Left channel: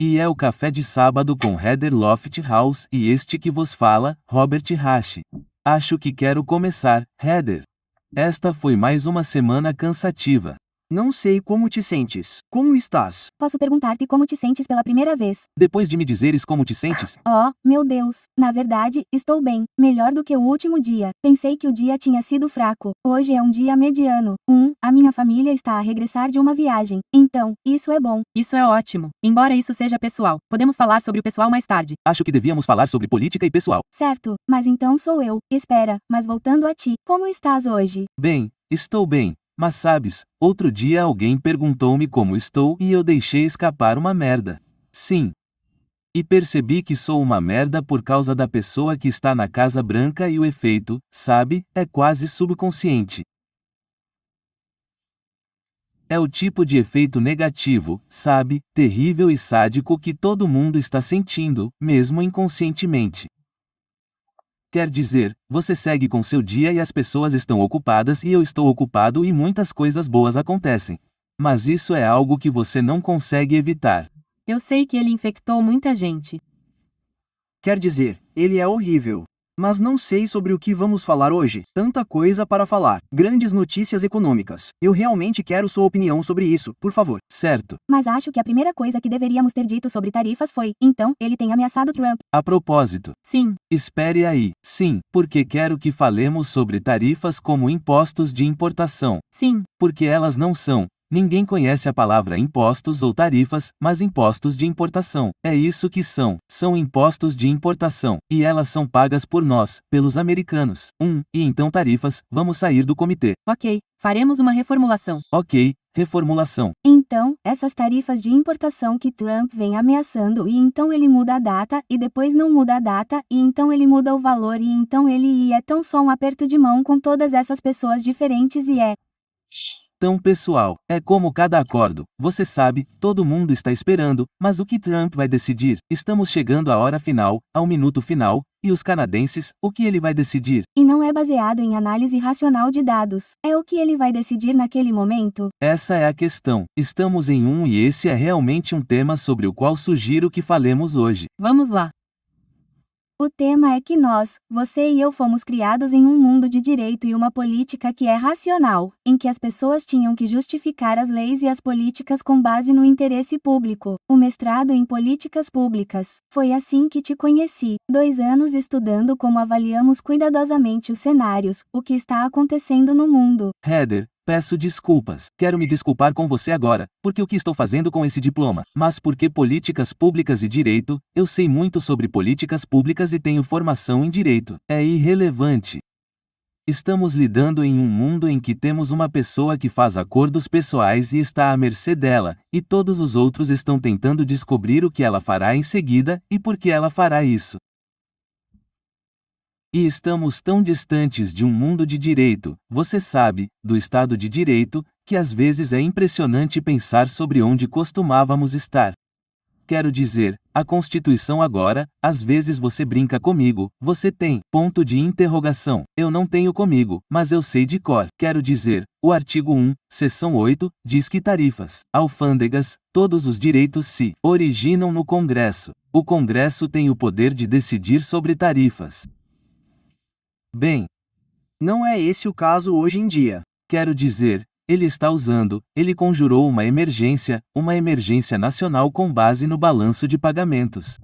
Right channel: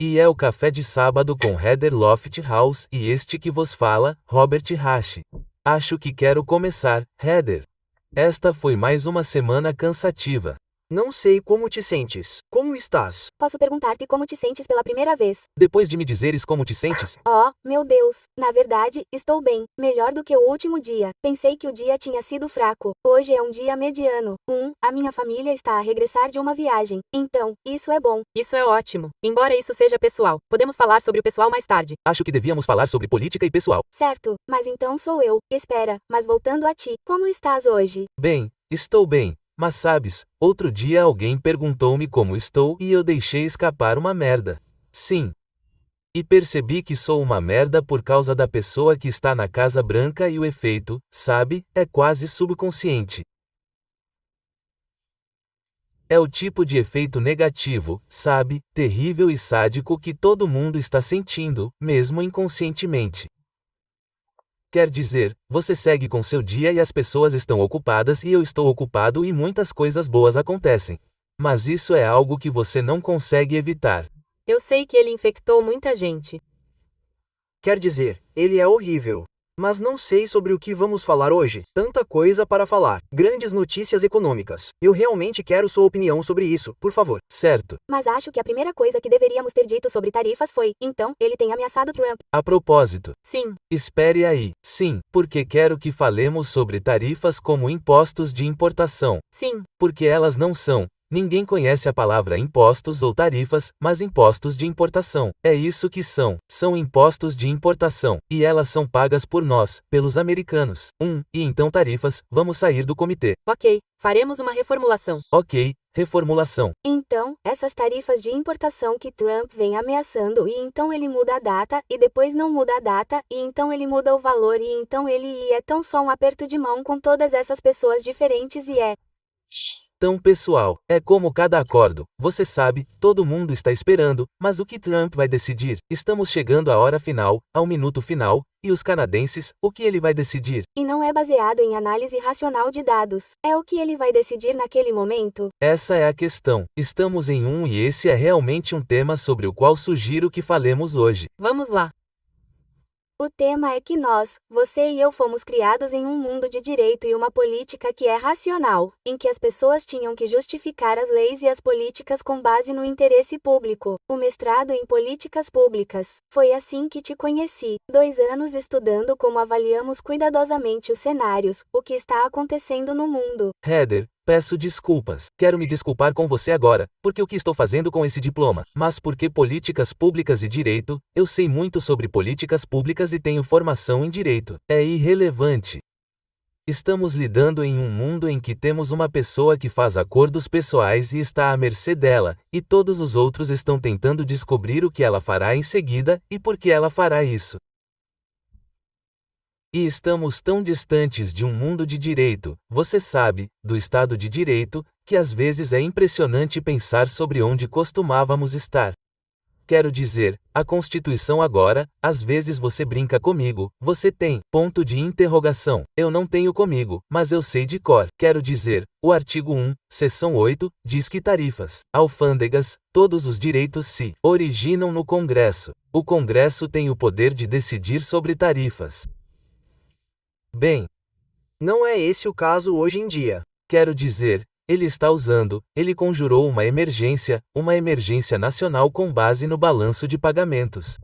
E é o Café de Sábado com Heather Lofthouse e este que vos fala, Robert Rasch. Acho que quero começar, Heather. Esta foi mais uma semana cansativa. Não sei como te sentes. Como estás? Posso perguntar-te como te sentes pela primeira vez? Depois de me dizeres como te sentes, Oh, meu Deus. Na verdade, estou bem. Melhor do que o último dia. Pensei que o dia tinha sido fraco. Hoje é um dia mediano. A minha família está a regressar de uma viagem. Então, isso é bom. Isso é ótimo. Embora isso seja pessoal, podemos falar sobre o pessoal mais tarde. acho que devíamos falar sobre política e pessoal. Certo, mas então sou eu. Espera, mas voltando a ti, como estás hoje? Bem, estou bem. Mas sabes, outro dia alguém perguntou-me como estou e eu deixei escapar uma merda. Sim. E percebi que sou uma merda por causa da pessoa que está na Casa Branca e o efeito, sabe, é quase subconsciente. É o tipo de efeito negativo, sabe, terrível e sádico que todo mundo está sentindo, mesmo inconscientemente. Quer dizer, você segue com seu dia e as pessoas estão ocupadas e eu estou ocupado e muitas coisas boas acontecem. Mas isso é algo que você não consegue evitar. Eu sei que ele infectou muita gente. Quer dizer, ele é horrível. Mas não sei sobre o que vamos falar hoje. Tanta coisa para falar. Grandes notícias econômicas. Eu realmente quero sua opinião sobre isso, por favor. Certo. Mas acho que a primeira coisa que deveríamos ter dito sobre tarifas foi: então, ele tem ameaçado Trump. A propósito, Sim, espere aí. Sim, porque quero que falemos sobre tarifas como impostos de importação. sim. Porque elas não são. Ninguém conhece a palavra impostos ou tarifas, mas impostos de importação. É isso que são. São impostos de importação. E elas são pagas por nós, pelos americanos. E então tarifas, vamos sair do comitê. Ok, faremos uma reformulação. Ok, reformulação. Então, essas tarifas de importação que Trump vem ameaçando e então ele muda a data e depois não muda a data e então ele muda o valor e então ele é tão só um aperto de mão com todas essas pessoas diferentes e é Tão pessoal, é como cada acordo, você sabe, todo mundo está esperando, mas o que Trump vai decidir? Estamos chegando à hora final, ao minuto final, e os canadenses, o que ele vai decidir? e não é baseado em análise racional de dados. É o que ele vai decidir naquele momento? Essa é a questão. Estamos em e esse é realmente um tema sobre o qual sugiro que falemos hoje. Vamos lá. O tema é que nós, você e eu fomos criados em um mundo de direito e uma política que é racional, em que as pessoas tinham que justificar as leis e as políticas com base no interesse público. O mestrado em políticas públicas. Foi assim que te conheci. 2 anos estudando como avaliamos cuidadosamente os cenários, o que está acontecendo no mundo. Heather, peço desculpas. Quero me desculpar com você agora, porque o que estou fazendo com esse diploma? Mas porque políticas públicas e direito, eu sei muito sobre políticas públicas e tenho formação em direito. É irrelevante. Estamos lidando em um mundo em que temos uma pessoa que faz acordos pessoais e está à mercê dela, e todos os outros estão tentando descobrir o que ela fará em seguida e por que ela fará isso. E estamos tão distantes de um mundo de direito, você sabe, do Estado de Direito, que às vezes é impressionante pensar sobre onde costumávamos estar. Quero dizer, a Constituição agora, às vezes você brinca comigo, você tem, ponto de interrogação. Eu não tenho comigo, mas eu sei de cor. Quero dizer, o artigo 1, seção 8, diz que tarifas, alfândegas, todos os direitos se originam no Congresso. O Congresso tem o poder de decidir sobre tarifas. Bem, Não é esse o caso hoje em dia. quero dizer, ele conjurou uma emergência nacional com base no balanço de pagamentos.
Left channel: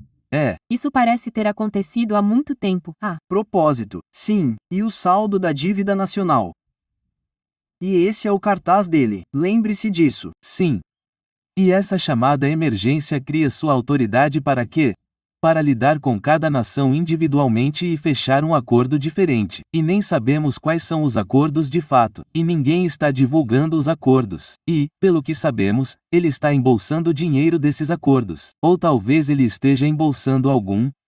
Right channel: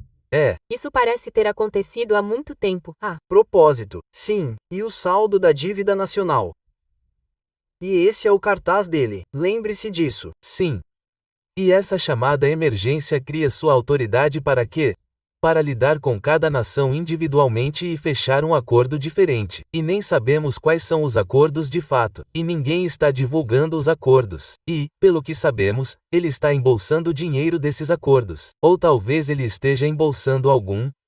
Isso parece ter acontecido há muito tempo. Propósito, sim, e o saldo da dívida nacional. E esse é o cartaz dele, lembre-se disso. Sim. E essa chamada emergência cria sua autoridade para quê? Para lidar com cada nação individualmente e fechar um acordo diferente. E nem sabemos quais são os acordos de fato, e ninguém está divulgando os acordos. E, pelo que sabemos, ele está embolsando dinheiro desses acordos. Ou talvez ele esteja embolsando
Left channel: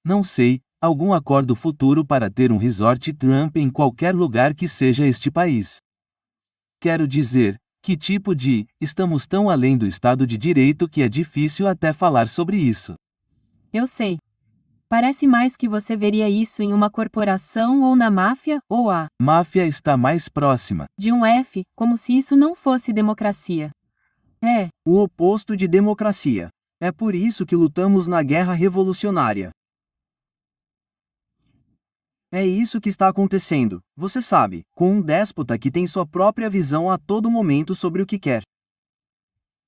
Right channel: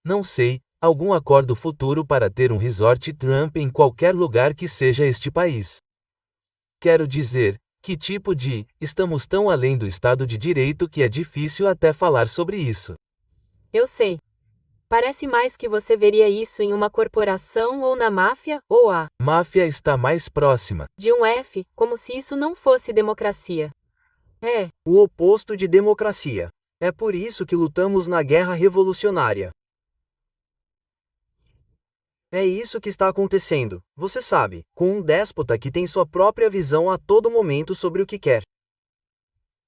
não sei, algum acordo futuro para ter um resort Trump em qualquer lugar que seja este país. Quero dizer, que tipo de, estamos tão além do Estado de Direito que é difícil até falar sobre isso. Eu sei. Parece mais que você veria isso em uma corporação ou na máfia, ou Máfia está mais próxima. de um F, como se isso não fosse democracia. É, O oposto de democracia. É por isso que lutamos na guerra revolucionária. É isso que está acontecendo, você sabe, com um déspota que tem sua própria visão a todo momento sobre o que quer.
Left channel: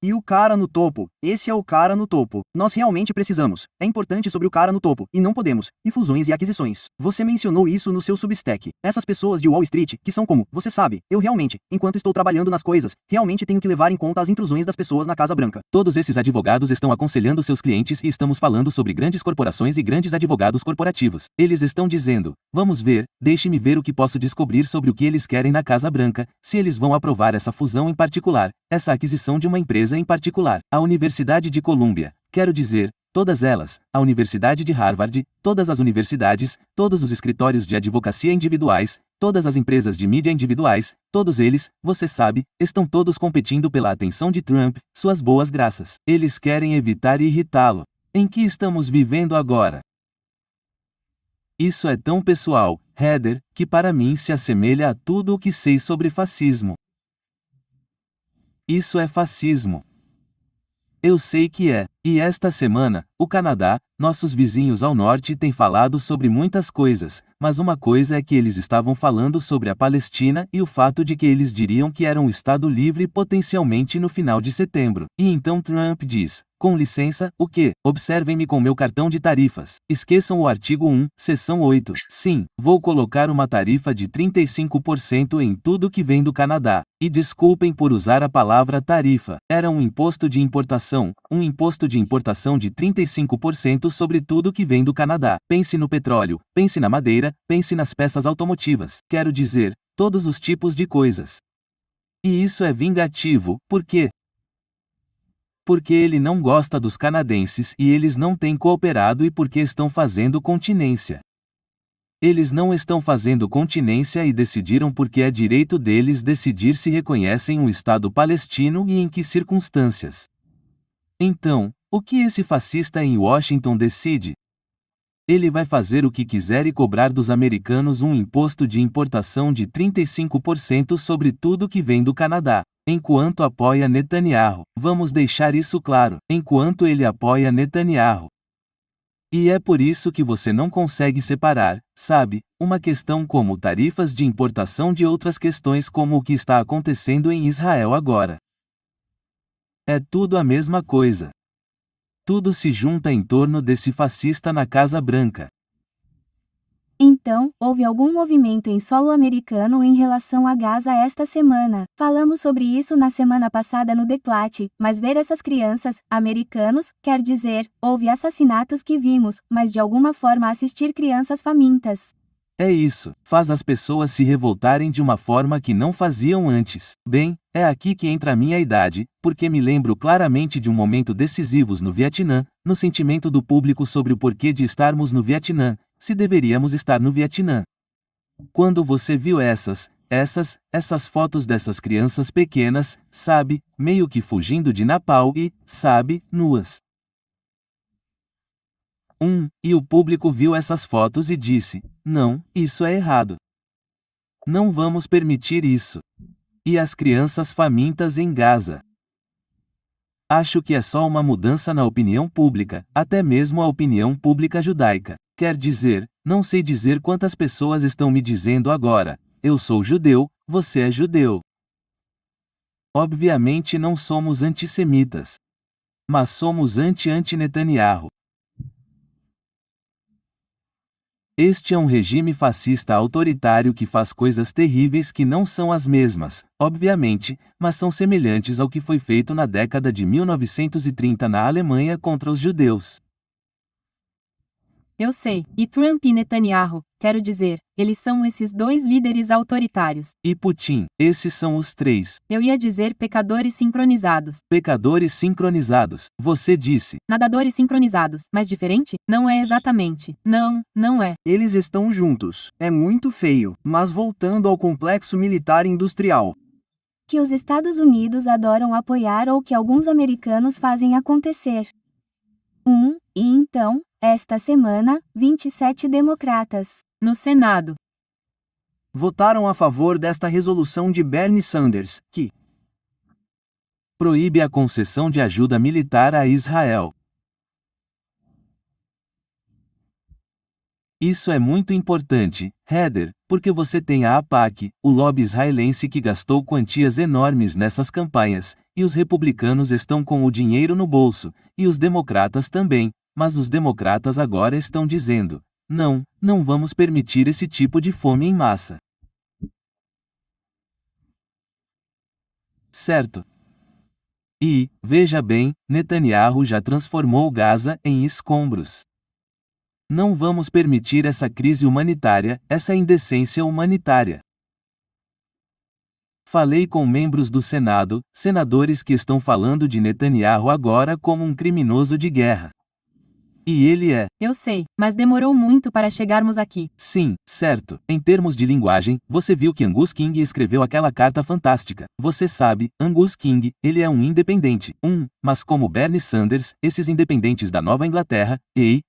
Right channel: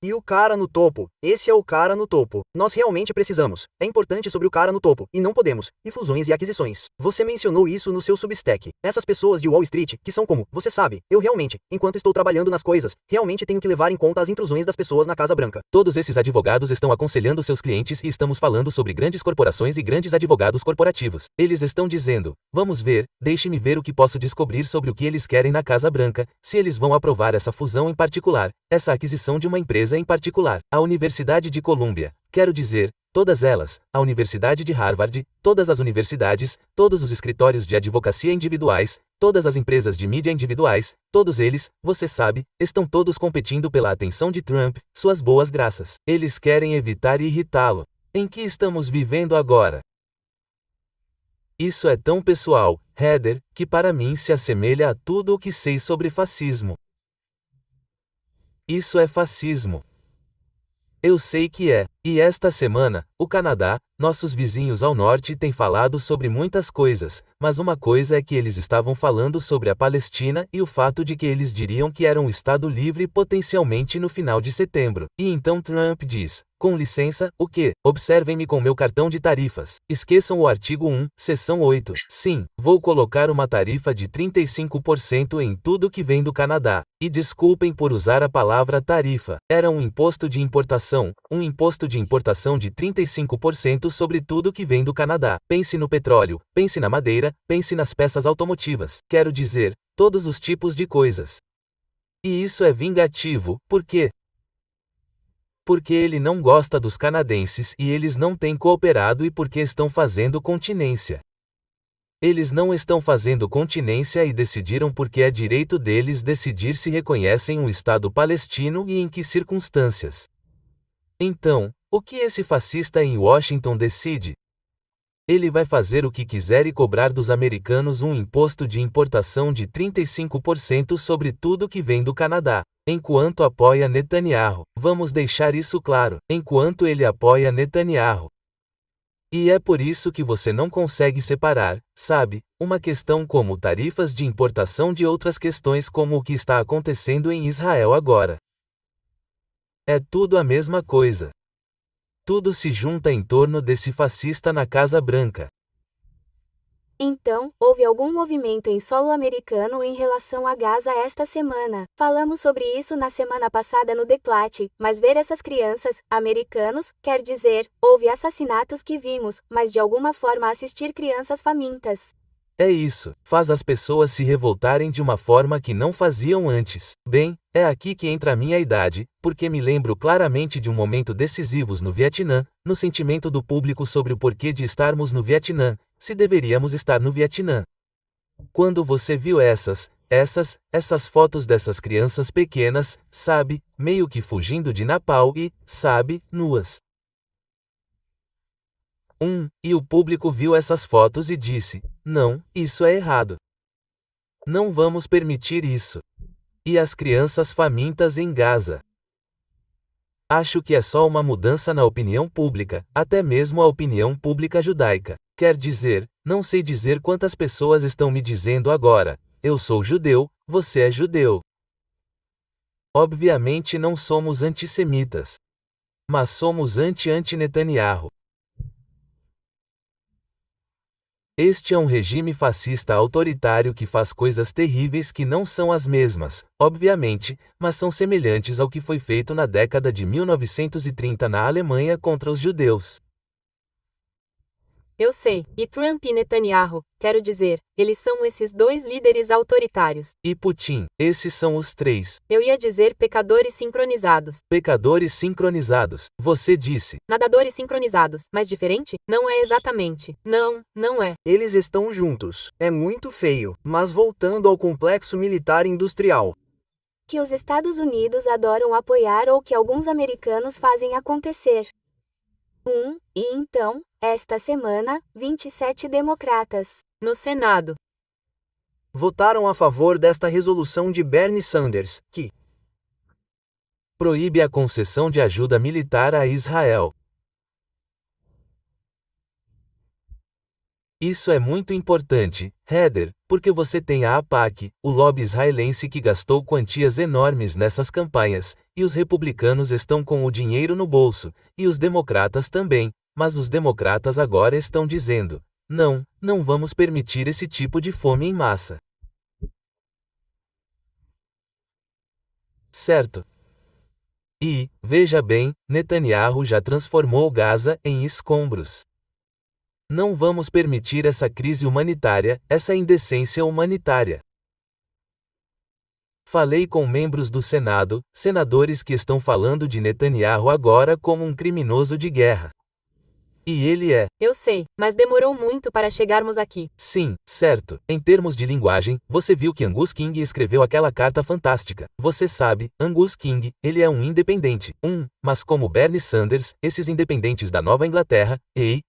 E o cara no topo, esse é o cara no topo. Nós realmente precisamos. É importante sobre o cara no topo, e não podemos. E fusões e aquisições. Você mencionou isso no seu Substack. Essas pessoas de Wall Street, que são como, você sabe, eu realmente, enquanto estou trabalhando nas coisas, realmente tenho que levar em conta as intrusões das pessoas na Casa Branca. Todos esses advogados estão aconselhando seus clientes e estamos falando sobre grandes corporações e grandes advogados corporativos. Eles estão dizendo, vamos ver, deixe-me ver o que posso descobrir sobre o que eles querem na Casa Branca, se eles vão aprovar essa fusão em particular, essa aquisição de uma empresa em particular. A Universidade de Colômbia, quero dizer, todas elas, a Universidade de Harvard, todas as universidades, todos os escritórios de advocacia individuais, todas as empresas de mídia individuais, todos eles, você sabe, estão todos competindo pela atenção de Trump, suas boas graças. Eles querem evitar irritá-lo. Em que estamos vivendo agora? Isso é tão pessoal, Heather, que para mim se assemelha a tudo o que sei sobre fascismo. Isso é fascismo. Eu sei que é. E esta semana, o Canadá, nossos vizinhos ao norte têm falado sobre muitas coisas, mas uma coisa é que eles estavam falando sobre a Palestina e o fato de que eles diriam que era um Estado livre potencialmente no final de setembro. E então Trump diz, com licença, o quê? Observem-me com meu cartão de tarifas. Esqueçam o artigo 1, seção 8. Sim, vou colocar uma tarifa de 35% em tudo que vem do Canadá. E desculpem por usar a palavra tarifa. Era um imposto de importação de 35% sobre tudo que vem do Canadá. Pense no petróleo, pense na madeira, pense nas peças automotivas. Quero dizer, todos os tipos de coisas. E isso é vingativo, por quê? Porque ele não gosta dos canadenses e eles não têm cooperado e porque estão fazendo continência. Eles não estão fazendo continência e decidiram porque é direito deles decidir se reconhecem um Estado palestino e em que circunstâncias. Então, o que esse fascista em Washington decide? Ele vai fazer o que quiser e cobrar dos americanos um imposto de importação de 35% sobre tudo que vem do Canadá, enquanto apoia Netanyahu. Vamos deixar isso claro, enquanto ele apoia Netanyahu. E é por isso que você não consegue separar, sabe, uma questão como tarifas de importação de outras questões como o que está acontecendo em Israel agora. É tudo a mesma coisa. Tudo se junta em torno desse fascista na Casa Branca. Então, houve algum movimento em solo americano em relação a Gaza esta semana? Falamos sobre isso na semana passada no Declate, mas ver essas crianças, americanos, quer dizer, houve assassinatos que vimos, mas de alguma forma assistir crianças famintas. É isso, faz as pessoas se revoltarem de uma forma que não faziam antes. Bem, é aqui que entra a minha idade, porque me lembro claramente de um momento decisivos no Vietnã, no sentimento do público sobre o porquê de estarmos no Vietnã, se deveríamos estar no Vietnã. Quando você viu essas fotos dessas crianças pequenas, sabe, meio que fugindo de Napalm e, sabe, nuas. E o público viu essas fotos e disse, não, isso é errado. Não vamos permitir isso. E as crianças famintas em Gaza. Acho que é só uma mudança na opinião pública, até mesmo a opinião pública judaica. Quer dizer, não sei dizer quantas pessoas estão me dizendo agora, eu sou judeu, você é judeu. Obviamente não somos antissemitas. Mas somos anti-Netanyahu. Este é um regime fascista autoritário que faz coisas terríveis que não são as mesmas, obviamente, mas são semelhantes ao que foi feito na década de 1930 na Alemanha contra os judeus. Eu sei, e Trump e Netanyahu, quero dizer, eles são esses dois líderes autoritários. E Putin, esses são os três. Eu ia dizer pecadores sincronizados. Pecadores sincronizados, você disse. Nadadores sincronizados, mas diferente? Não é exatamente. Não, não é. Eles estão juntos. É muito feio, mas voltando ao complexo militar industrial. Que os Estados Unidos adoram apoiar ou que alguns americanos fazem acontecer. E então, esta semana, 27 democratas no Senado votaram a favor desta resolução de Bernie Sanders, que proíbe a concessão de ajuda militar a Israel. Isso é muito importante, Heather, porque você tem a AIPAC, o lobby israelense que gastou quantias enormes nessas campanhas, e os republicanos estão com o dinheiro no bolso, e os democratas também, mas os democratas agora estão dizendo: não, não vamos permitir esse tipo de fome em massa. Certo? E, veja bem, Netanyahu já transformou Gaza em escombros. Não vamos permitir essa crise humanitária, essa indecência humanitária. Falei com membros do Senado, senadores que estão falando de Netanyahu agora como um criminoso de guerra. E ele é. Eu sei, mas demorou muito para chegarmos aqui. Sim, certo. Em termos de linguagem, você viu que Angus King escreveu aquela carta fantástica. Você sabe, Angus King, ele é um independente. Mas como Bernie Sanders, esses independentes da Nova Inglaterra,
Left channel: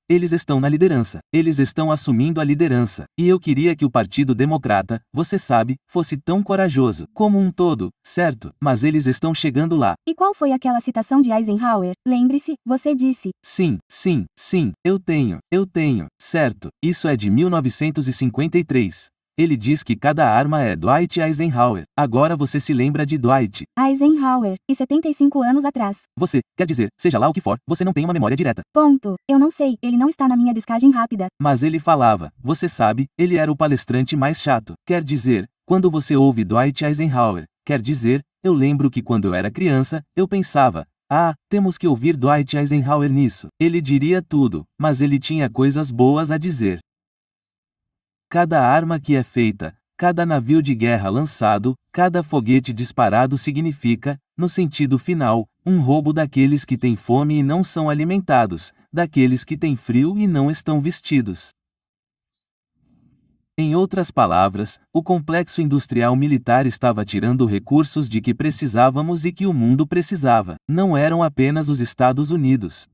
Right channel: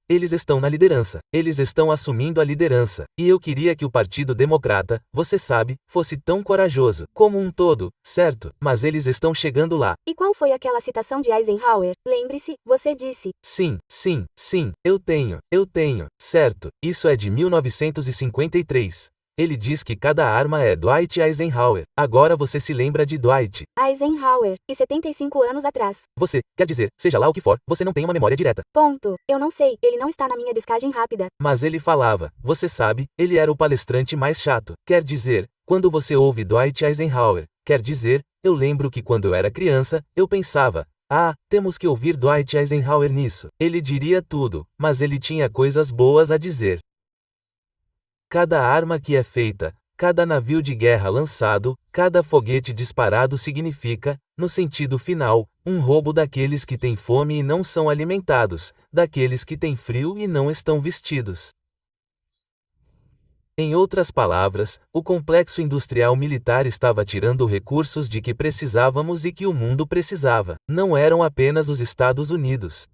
eles estão na liderança. Eles estão assumindo a liderança. E eu queria que o Partido Democrata, você sabe, fosse tão corajoso, como um todo, certo? Mas eles estão chegando lá. E qual foi aquela citação de Eisenhower? Lembre-se, você disse. Sim, eu tenho, certo, isso é de 1953. Ele diz que cada arma é Dwight Eisenhower. Agora você se lembra de Dwight. Eisenhower, e 75 anos atrás. Você, quer dizer, seja lá o que for, você não tem uma memória direta. Ponto. Eu não sei, ele não está na minha descagem rápida. Mas ele falava, você sabe, ele era o palestrante mais chato. Quer dizer, quando você ouve Dwight Eisenhower, quer dizer, eu lembro que quando eu era criança, eu pensava, temos que ouvir Dwight Eisenhower nisso. Ele diria tudo, mas ele tinha coisas boas a dizer. Cada arma que é feita, cada navio de guerra lançado, cada foguete disparado significa, no sentido final, um roubo daqueles que têm fome e não são alimentados, daqueles que têm frio e não estão vestidos. Em outras palavras, o complexo industrial militar estava tirando recursos de que precisávamos e que o mundo precisava. Não eram apenas os Estados Unidos.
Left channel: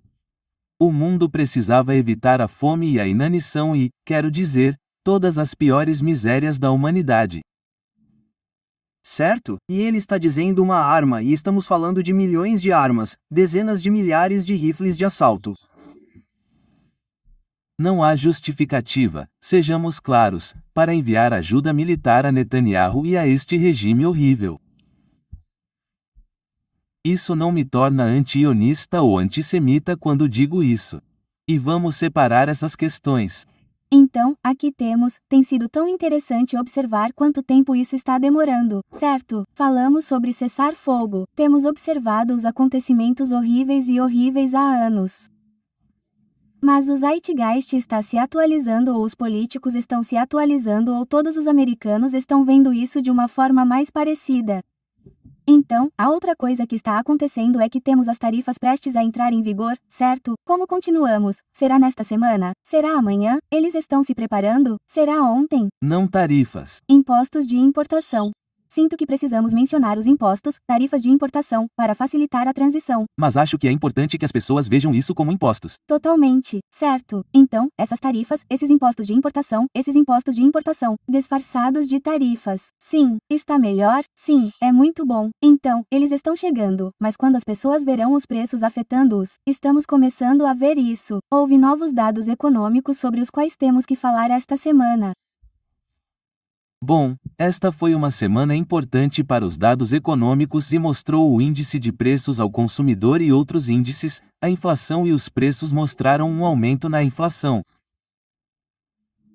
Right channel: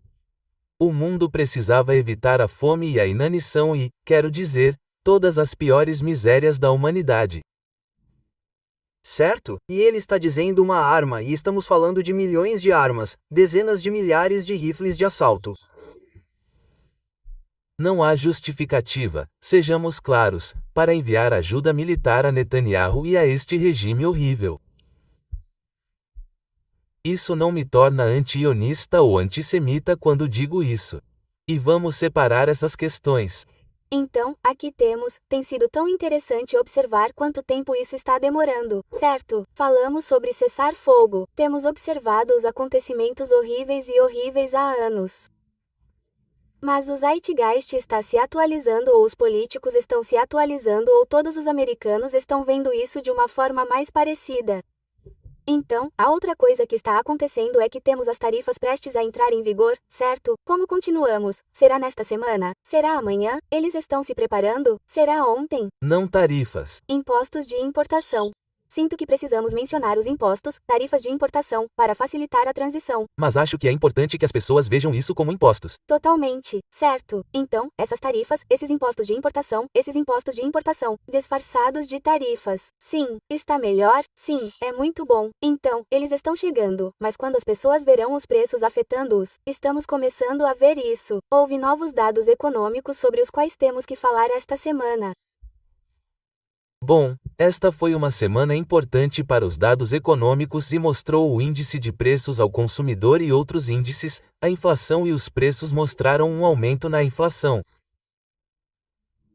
O mundo precisava evitar a fome e a inanição e, quero dizer, todas as piores misérias da humanidade. Certo? E ele está dizendo uma arma e estamos falando de milhões de armas, dezenas de milhares de rifles de assalto. Não há justificativa, sejamos claros, para enviar ajuda militar a Netanyahu e a este regime horrível. Isso não me torna anti-ionista ou antissemita quando digo isso. E vamos separar essas questões. Então, aqui tem sido tão interessante observar quanto tempo isso está demorando, certo? Falamos sobre cessar fogo, temos observado os acontecimentos horríveis há anos. Mas o Zeitgeist está se atualizando ou os políticos estão se atualizando ou todos os americanos estão vendo isso de uma forma mais parecida. Então, a outra coisa que está acontecendo é que temos as tarifas prestes a entrar em vigor, certo? Como continuamos? Será nesta semana? Será amanhã? Eles estão se preparando? Será ontem? Não tarifas. Impostos de importação. Sinto que precisamos mencionar os impostos, tarifas de importação, para facilitar a transição. Mas acho que é importante que as pessoas vejam isso como impostos. Totalmente, certo. Então, essas tarifas, esses impostos de importação, disfarçados de tarifas. Sim, está melhor? Sim, é muito bom. Então, eles estão chegando, mas quando as pessoas verão os preços afetando-os, estamos começando a ver isso. Houve novos dados econômicos sobre os quais temos que falar esta semana. Bom, esta foi uma semana importante para os dados econômicos e mostrou o índice de preços ao consumidor e outros índices, a inflação e os preços mostraram um aumento na inflação.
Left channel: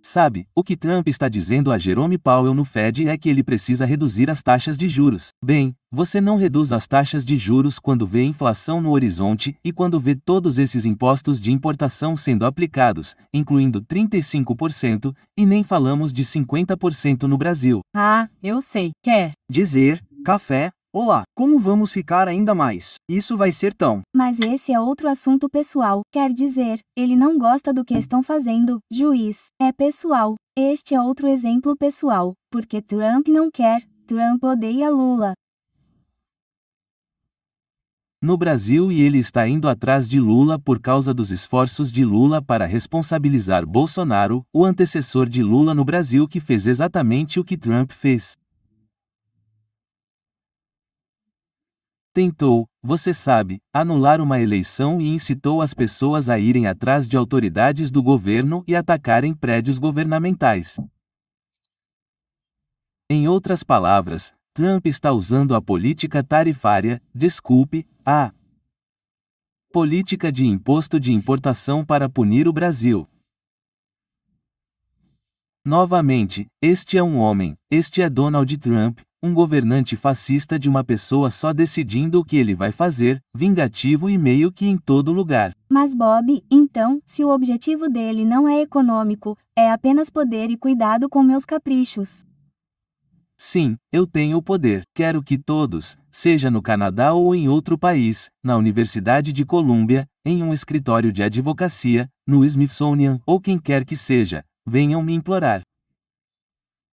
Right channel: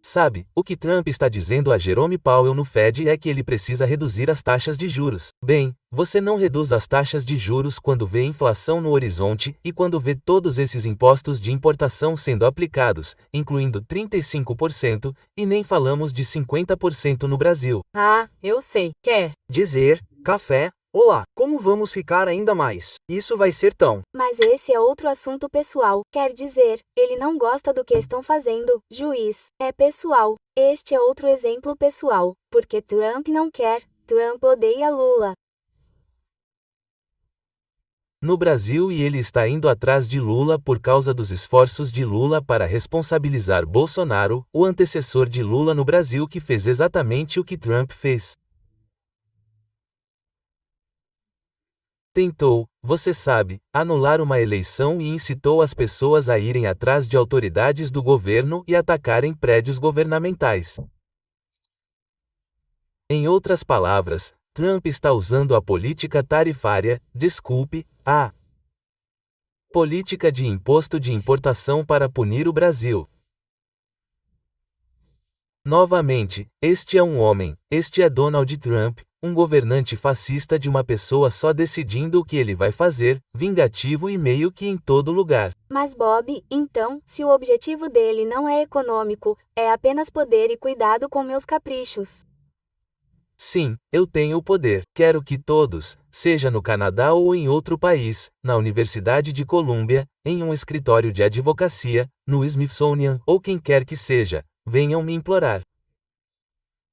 Sabe, o que Trump está dizendo a Jerome Powell no Fed é que ele precisa reduzir as taxas de juros. Bem, você não reduz as taxas de juros quando vê inflação no horizonte e quando vê todos esses impostos de importação sendo aplicados, incluindo 35%, e nem falamos de 50% no Brasil. Eu sei. Quer Dizer, café, olá, como vamos ficar ainda mais? Isso vai ser tão. Mas esse é outro assunto pessoal. Quer dizer, ele não gosta do que estão fazendo, juiz. É pessoal. Este é outro exemplo pessoal. Porque Trump não quer. Trump odeia Lula. No Brasil e ele está indo atrás de Lula por causa dos esforços de Lula para responsabilizar Bolsonaro, o antecessor de Lula no Brasil que fez exatamente o que Trump fez. Tentou, você sabe, anular uma eleição e incitou as pessoas a irem atrás de autoridades do governo e atacarem prédios governamentais. Em outras palavras, Trump está usando a política tarifária, desculpe, a política de imposto de importação para punir o Brasil. Novamente, este é um homem, este é Donald Trump, um governante fascista de uma pessoa só decidindo o que ele vai fazer, vingativo e meio que em todo lugar. Mas Bob, então, se o objetivo dele não é econômico, é apenas poder e cuidado com meus caprichos. Sim, eu tenho o poder. Quero que todos, seja no Canadá ou em outro país, na Universidade de Colômbia, em um escritório de advocacia, no Smithsonian ou quem quer que seja, venham me implorar.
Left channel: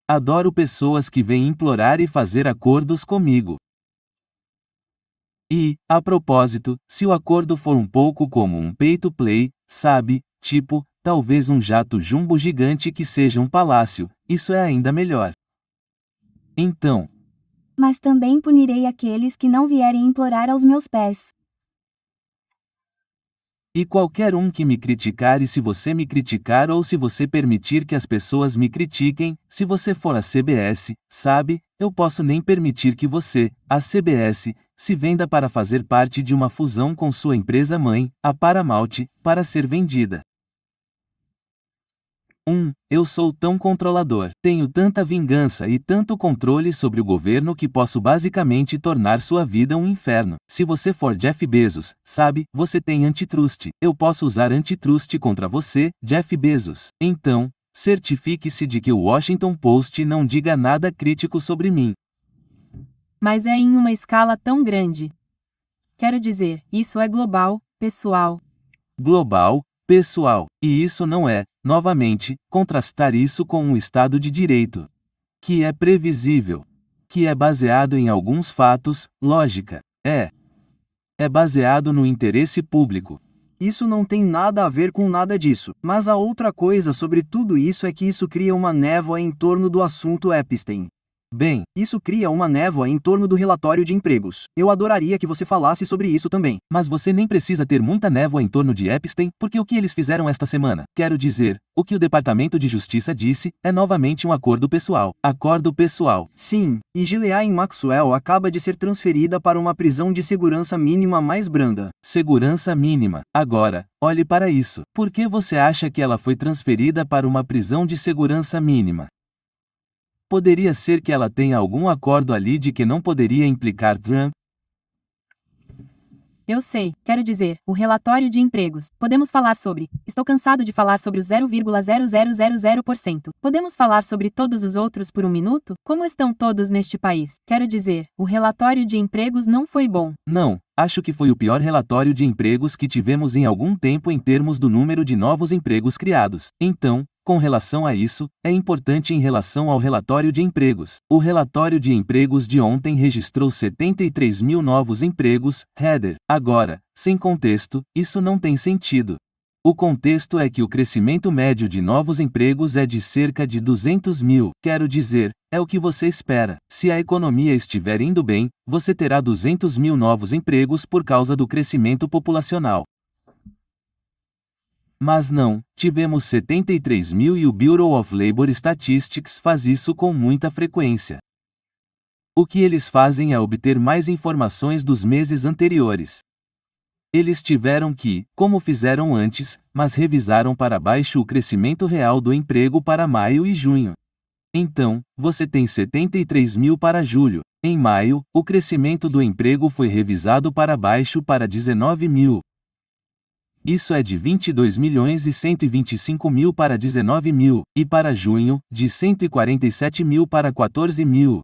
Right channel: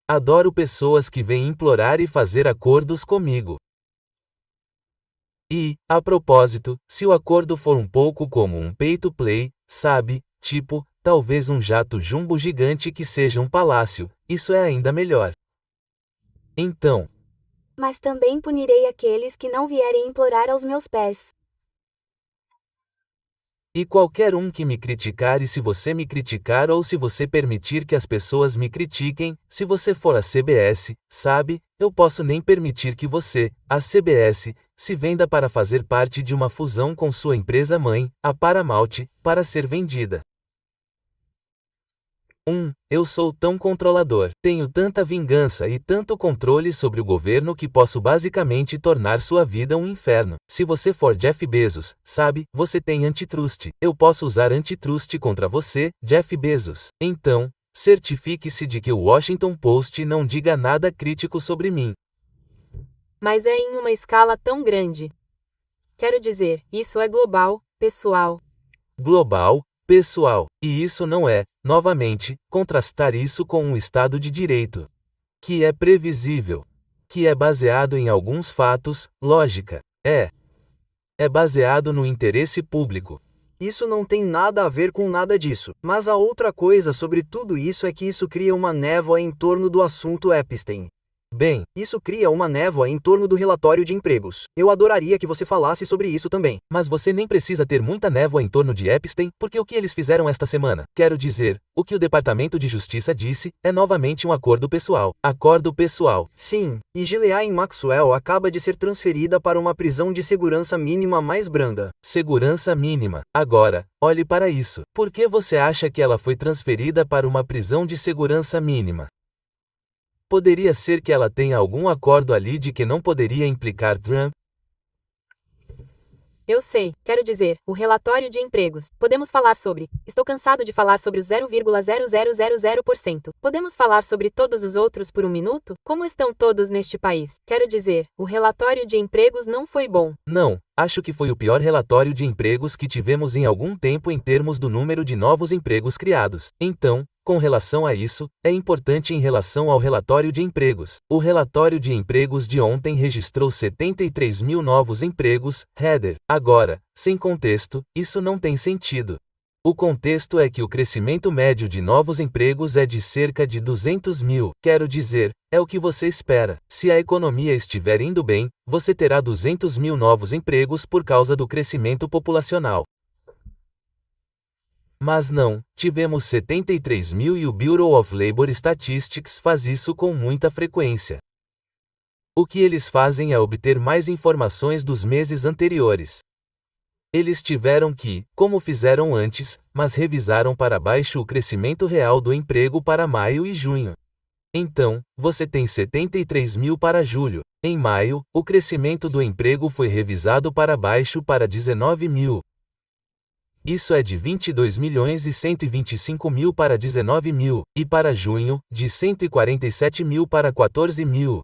Adoro pessoas que vêm implorar e fazer acordos comigo. E, a propósito, se o acordo for um pouco como um pay-to-play, sabe, tipo, talvez um jato jumbo gigante que seja um palácio, isso é ainda melhor. Então, Mas também punirei aqueles que não vierem implorar aos meus pés. e qualquer um que me criticar e se você me criticar ou se você permitir que as pessoas me critiquem, se você for a CBS, sabe, eu posso nem permitir que você, a CBS, se venda para fazer parte de uma fusão com sua empresa mãe, a Paramount, para ser vendida. Eu sou tão controlador, tenho tanta vingança e tanto controle sobre o governo que posso basicamente tornar sua vida um inferno. Se você for Jeff Bezos, sabe, você tem antitrust. Eu posso usar antitrust contra você, Jeff Bezos. Então, certifique-se de que o Washington Post não diga nada crítico sobre mim. Mas é em uma escala tão grande. Quero dizer, isso é global, pessoal. Global, pessoal, e isso não é, novamente, contrastar isso com um Estado de Direito. Que é previsível. Que é baseado em alguns fatos, lógica. É baseado no interesse público. Isso não tem nada a ver com nada disso. Mas a outra coisa sobre tudo isso é que isso cria uma névoa em torno do assunto Epstein. Bem, Isso cria uma névoa em torno do relatório de empregos. Eu adoraria que você falasse sobre isso também. mas você nem precisa ter muita névoa em torno de Epstein, porque o que eles fizeram esta semana, quero dizer, o que o Departamento de Justiça disse, é novamente um acordo pessoal. Acordo pessoal. Sim, e Ghislaine Maxwell acaba de ser transferida para uma prisão de segurança mínima mais branda. Segurança mínima. Agora, olhe para isso. Por que você acha que ela foi transferida para uma prisão de segurança mínima? Poderia ser que ela tenha algum acordo ali de que não poderia implicar Trump? Eu sei, quero dizer, o relatório de empregos. Podemos falar sobre. Estou cansado de falar sobre o 0,0000%. Podemos falar sobre todos os outros por um minuto? Como estão todos neste país? Quero dizer, o relatório de empregos não foi bom. Não, acho que foi o pior relatório de empregos que tivemos em algum tempo em termos do número de novos empregos criados. Então, com relação a isso, é importante em relação ao relatório de empregos. O relatório de empregos de ontem registrou 73 mil novos empregos, header. Agora, sem contexto, isso não tem sentido. O contexto é que o crescimento médio de novos empregos é de cerca de 200 mil. Quero dizer, é o que você espera. Se a economia estiver indo bem, você terá 200 mil novos empregos por causa do crescimento populacional. Mas não, tivemos 73 mil e o Bureau of Labor Statistics faz isso com muita frequência. O que eles fazem é obter mais informações dos meses anteriores. Eles tiveram que, como fizeram antes, mas revisaram para baixo o crescimento real do emprego para maio e junho. Então, você tem 73 mil para julho. Em maio, o crescimento do emprego foi revisado para baixo para 19 mil. Isso é de 22 milhões e 125 mil para 19 mil, e para junho, de 147 mil para 14 mil.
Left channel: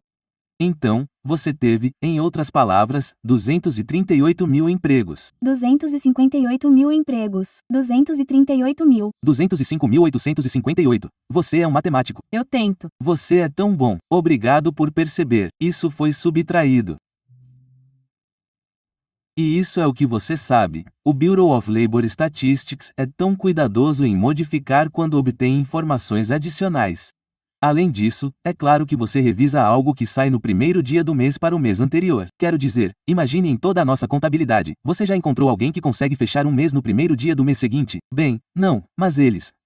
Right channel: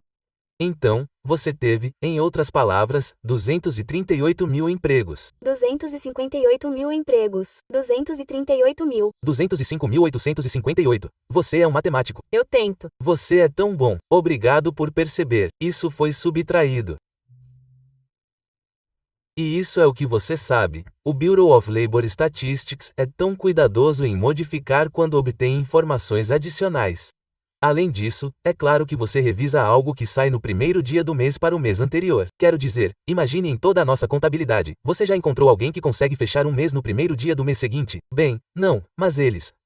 Então, você teve, em outras palavras, 238 mil empregos. 258 mil empregos. 238 mil. 205.858. Você é um matemático. Eu tento. Você é tão bom. Obrigado por perceber. Isso foi subtraído. E isso é o que você sabe. O Bureau of Labor Statistics é tão cuidadoso em modificar quando obtém informações adicionais. Além disso, é claro que você revisa algo que sai no primeiro dia do mês para o mês anterior. Quero dizer, imagine em toda a nossa contabilidade, você já encontrou alguém que consegue fechar um mês no primeiro dia do mês seguinte? Bem, não, mas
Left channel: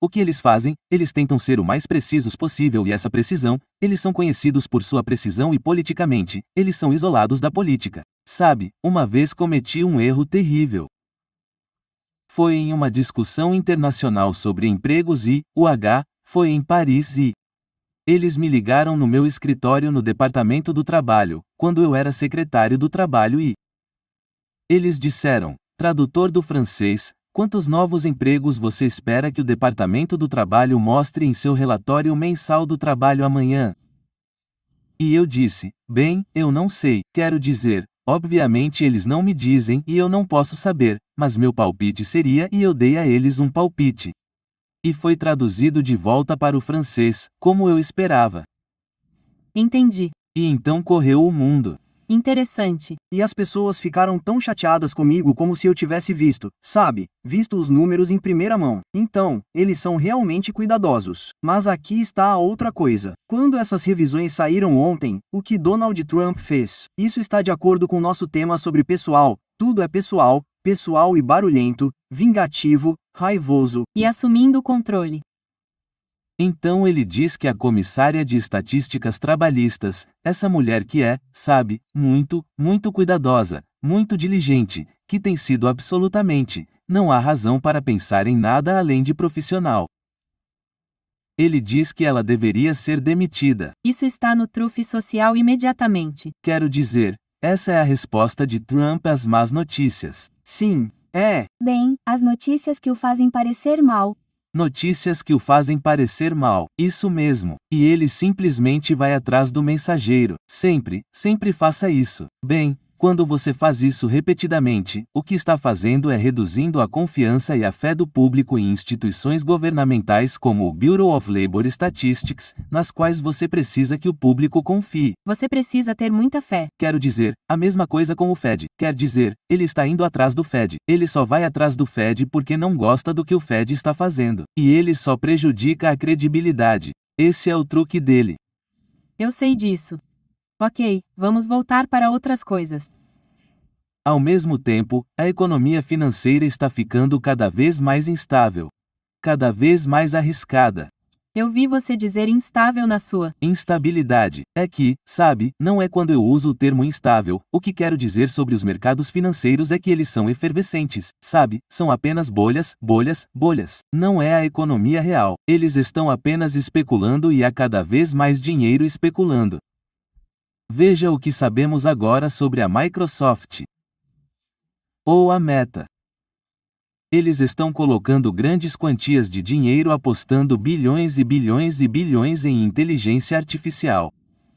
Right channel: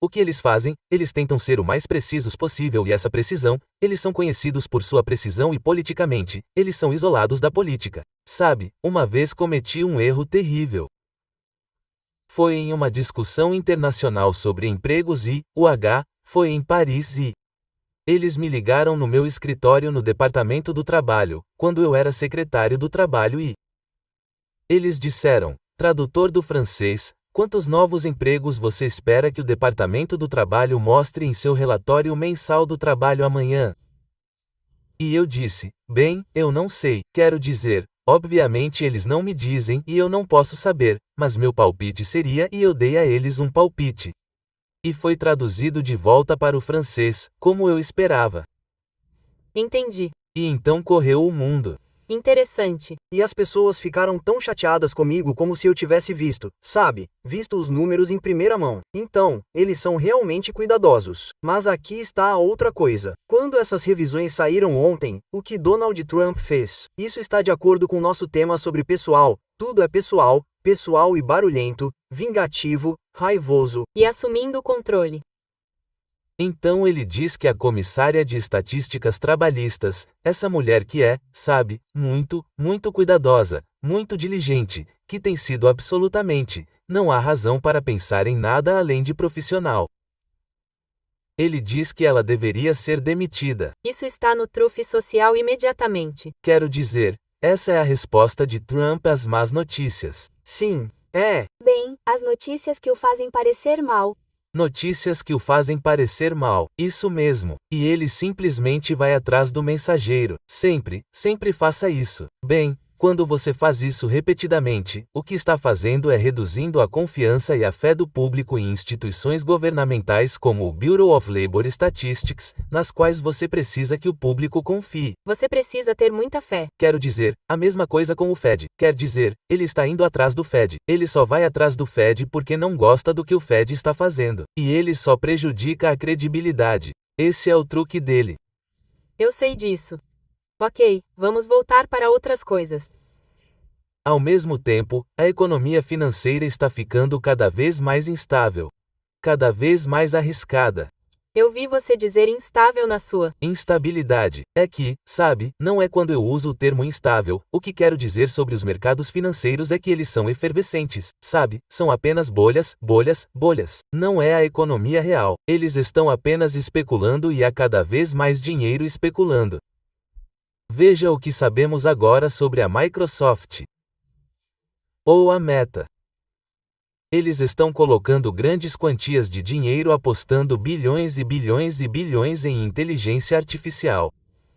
o que eles fazem? Eles tentam ser o mais precisos possível e essa precisão, eles são conhecidos por sua precisão e politicamente, eles são isolados da política. Sabe, uma vez cometi um erro terrível. Foi em uma discussão internacional sobre empregos e, foi em Paris e eles me ligaram no meu escritório no Departamento do Trabalho, quando eu era secretário do Trabalho e eles disseram, tradutor do francês, quantos novos empregos você espera que o Departamento do Trabalho mostre em seu relatório mensal do trabalho amanhã? E eu disse, bem, eu não sei, quero dizer, obviamente eles não me dizem e eu não posso saber, mas meu palpite seria e eu dei a eles um palpite. E foi traduzido de volta para o francês, como eu esperava. Entendi. E então correu o mundo. Interessante. E as pessoas ficaram tão chateadas comigo como se eu tivesse visto os números em primeira mão. Então, eles são realmente cuidadosos. Mas aqui está a outra coisa. Quando essas revisões saíram ontem, o que Donald Trump fez? Isso está de acordo com nosso tema sobre pessoal. Tudo é pessoal e barulhento, vingativo, raivoso. E assumindo o controle. Então ele diz que a comissária de estatísticas trabalhistas, essa mulher que é, muito cuidadosa, muito diligente, que tem sido absolutamente, não há razão para pensar em nada além de profissional. Ele diz que ela deveria ser demitida. Isso está no trufe social imediatamente. Quero dizer, essa é a resposta de Trump às más notícias. Sim, é. Bem, as notícias que o fazem parecer mal. Notícias que o fazem parecer mal, isso mesmo, e ele simplesmente vai atrás do mensageiro. Sempre faça isso. Bem, quando você faz isso repetidamente, o que está fazendo é reduzindo a confiança e a fé do público em instituições governamentais como o Bureau of Labor Statistics, nas quais você precisa que o público confie. Você precisa ter muita fé. Quero dizer, a mesma coisa com o Fed. Quer dizer, ele está indo atrás do Fed. Ele só vai atrás do Fed porque não gosta do que o Fed está fazendo. E ele só prejudica a credibilidade. Esse é o truque dele. Eu sei disso. Ok, vamos voltar para outras coisas. Ao mesmo tempo, a economia financeira está ficando cada vez mais instável. Cada vez mais arriscada. Eu vi você dizer instável na sua. Instabilidade. É que, não é quando eu uso o termo instável, o que quero dizer sobre os mercados financeiros é que eles são efervescentes, são apenas bolhas. Não é a economia real. Eles estão apenas especulando e há cada vez mais dinheiro especulando. Veja o que sabemos agora sobre a Microsoft. Ou a Meta. Eles estão colocando grandes quantias de dinheiro apostando bilhões e bilhões em inteligência artificial.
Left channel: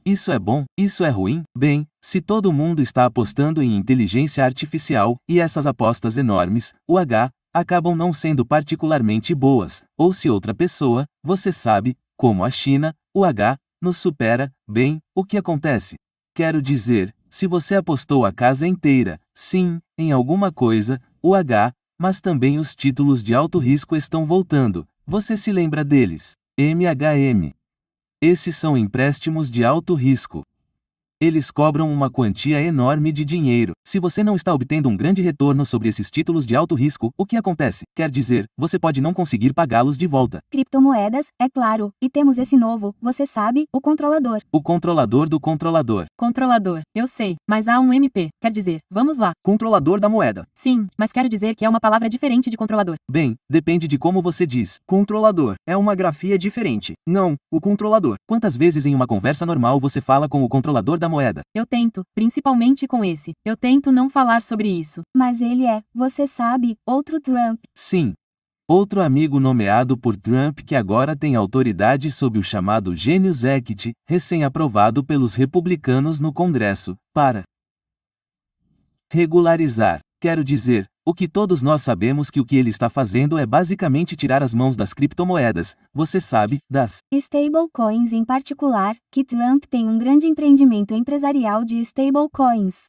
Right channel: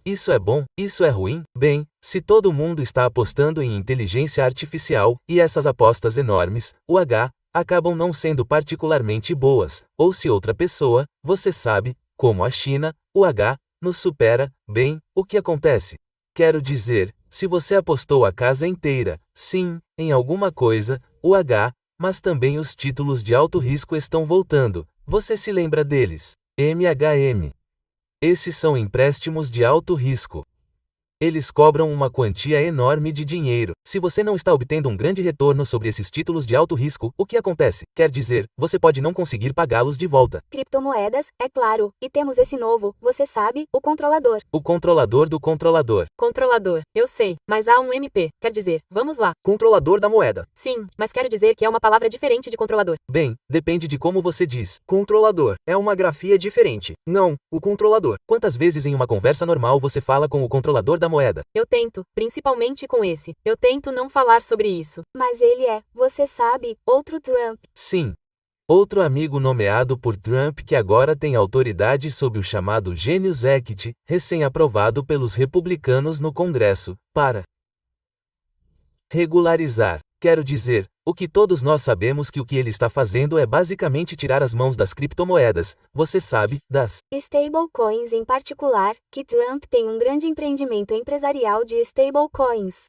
Isso é bom? Isso é ruim? Bem, se todo mundo está apostando em inteligência artificial, e essas apostas enormes, acabam não sendo particularmente boas, ou se outra pessoa, você sabe, como a China, nos supera, bem, o que acontece? Quero dizer, se você apostou a casa inteira, em alguma coisa, mas também os títulos de alto risco estão voltando, você se lembra deles? MHM. Esses são empréstimos de alto risco. Eles cobram uma quantia enorme de dinheiro. Se você não está obtendo um grande retorno sobre esses títulos de alto risco, o que acontece? Quer dizer, você pode não conseguir pagá-los de volta. Criptomoedas, é claro, e temos esse novo, você sabe, o controlador. O controlador do controlador. Controlador, eu sei, mas há um MP, quer dizer, vamos lá. Controlador da moeda. Sim, mas quero dizer que é uma palavra diferente de controlador. Bem, depende de como você diz. Controlador é uma grafia diferente. Não, o controlador. Quantas vezes em uma conversa normal você fala com o controlador da moeda? Eu tento, principalmente com esse. Eu tento não falar sobre isso. Mas ele é, você sabe, outro Trump. Sim. Outro amigo nomeado por Trump que agora tem autoridade sob o chamado Genius Act, recém-aprovado pelos republicanos no Congresso, para regularizar. Quero dizer, o que todos nós sabemos que o que ele está fazendo é basicamente tirar as mãos das criptomoedas, você sabe, das stablecoins em particular, que Trump tem um grande empreendimento empresarial de stablecoins.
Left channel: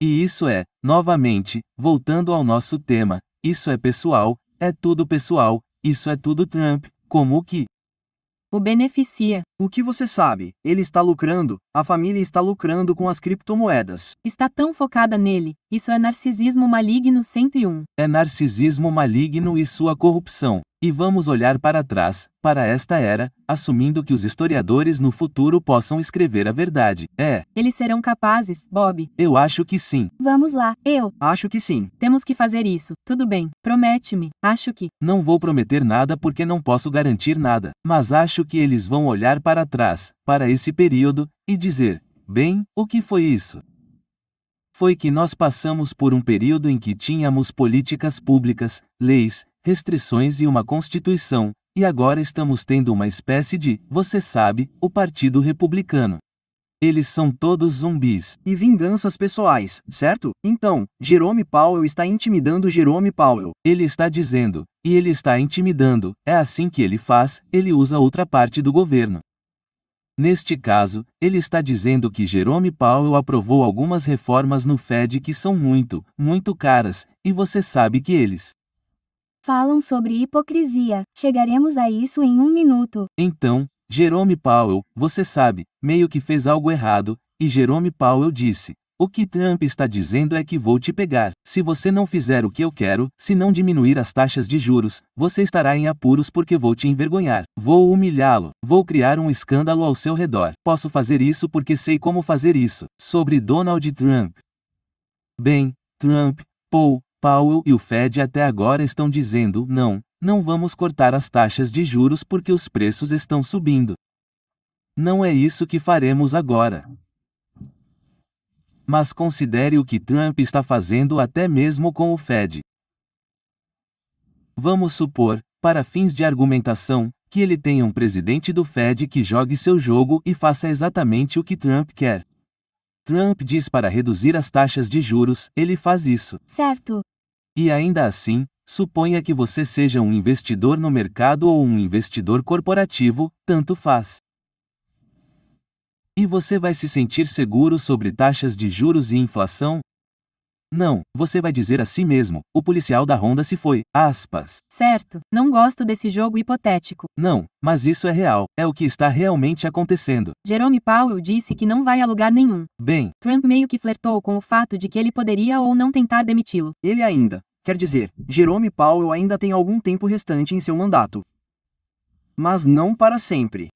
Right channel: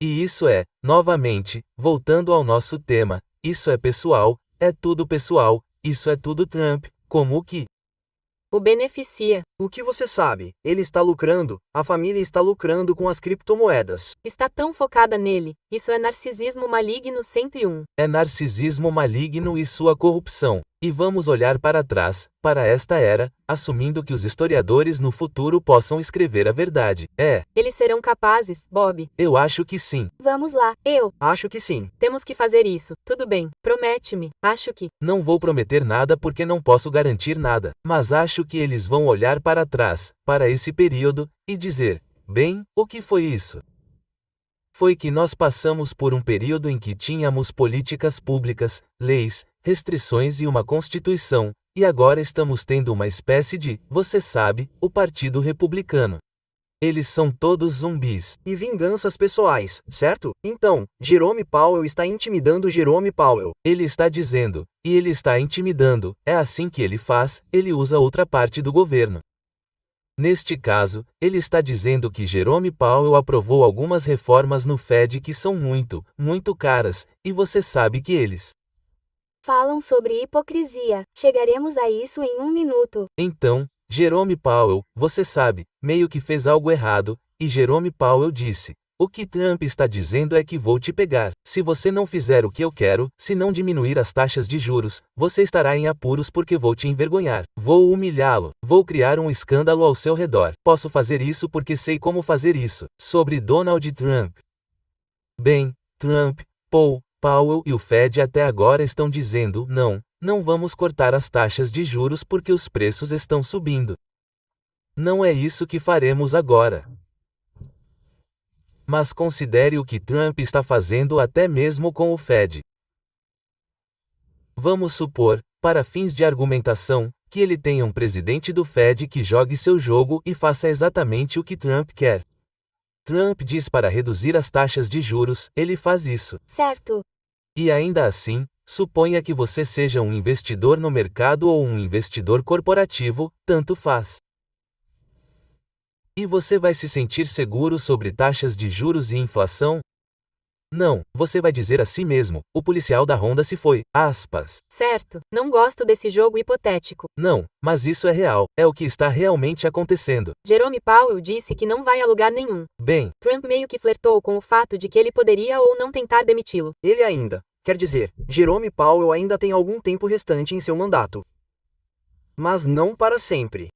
E isso é, novamente, voltando ao nosso tema, isso é pessoal, é tudo pessoal, isso é tudo Trump, como o que O beneficia. O que você sabe? Ele está lucrando, a família está lucrando com as criptomoedas. Está tão focada nele. Isso é narcisismo maligno 101. É narcisismo maligno e sua corrupção. E vamos olhar para trás, para esta era, assumindo que os historiadores no futuro possam escrever a verdade. Eles serão capazes, Bob. Eu acho que sim. Vamos lá, Acho que sim. Temos que fazer isso. Tudo bem. Promete-me. Acho que. Não vou prometer nada porque não posso garantir nada, mas acho que eles vão olhar para trás, para esse período, e dizer: bem, o que foi isso? Foi que nós passamos por um período em que tínhamos políticas públicas, leis, restrições e uma constituição, e agora estamos tendo uma espécie de, você sabe, o Partido Republicano. Eles são todos zumbis. E vinganças pessoais, certo? Então, Jerome Powell está intimidando Jerome Powell. Ele está dizendo, e ele está intimidando, é assim que ele faz, ele usa outra parte do governo. Neste caso, ele está dizendo que Jerome Powell aprovou algumas reformas no Fed que são muito, muito caras, e você sabe que eles falam sobre hipocrisia. Chegaremos a isso em 1 minuto. Então, Jerome Powell, você sabe, meio que fez algo errado, e Jerome Powell disse: o que Trump está dizendo é que vou te pegar. Se você não fizer o que eu quero, se não diminuir as taxas de juros, você estará em apuros porque vou te envergonhar. Vou humilhá-lo. Vou criar um escândalo ao seu redor. Posso fazer isso porque sei como fazer isso. Sobre Donald Trump. Bem, Trump, Powell e o Fed até agora estão dizendo: não vamos cortar as taxas de juros porque os preços estão subindo. Não é isso que faremos agora. Mas considere o que Trump está fazendo até mesmo com o Fed. Vamos supor, para fins de argumentação, que ele tenha um presidente do Fed que jogue seu jogo e faça exatamente o que Trump quer. Trump diz para reduzir as taxas de juros, ele faz isso. Certo. E ainda assim, suponha que você seja um investidor no mercado ou um investidor corporativo, tanto faz. E você vai se sentir seguro sobre taxas de juros e inflação? Não, você vai dizer a si mesmo: o policial da Honda se foi, aspas. Certo, não gosto desse jogo hipotético. Não, mas isso é real, é o que está realmente acontecendo. Jerome Powell disse que não vai a lugar nenhum. Bem, Trump meio que flertou com o fato de que ele poderia ou não tentar demiti-lo. Ele ainda, quer dizer, Jerome Powell ainda tem algum tempo restante em seu mandato. Mas não para sempre.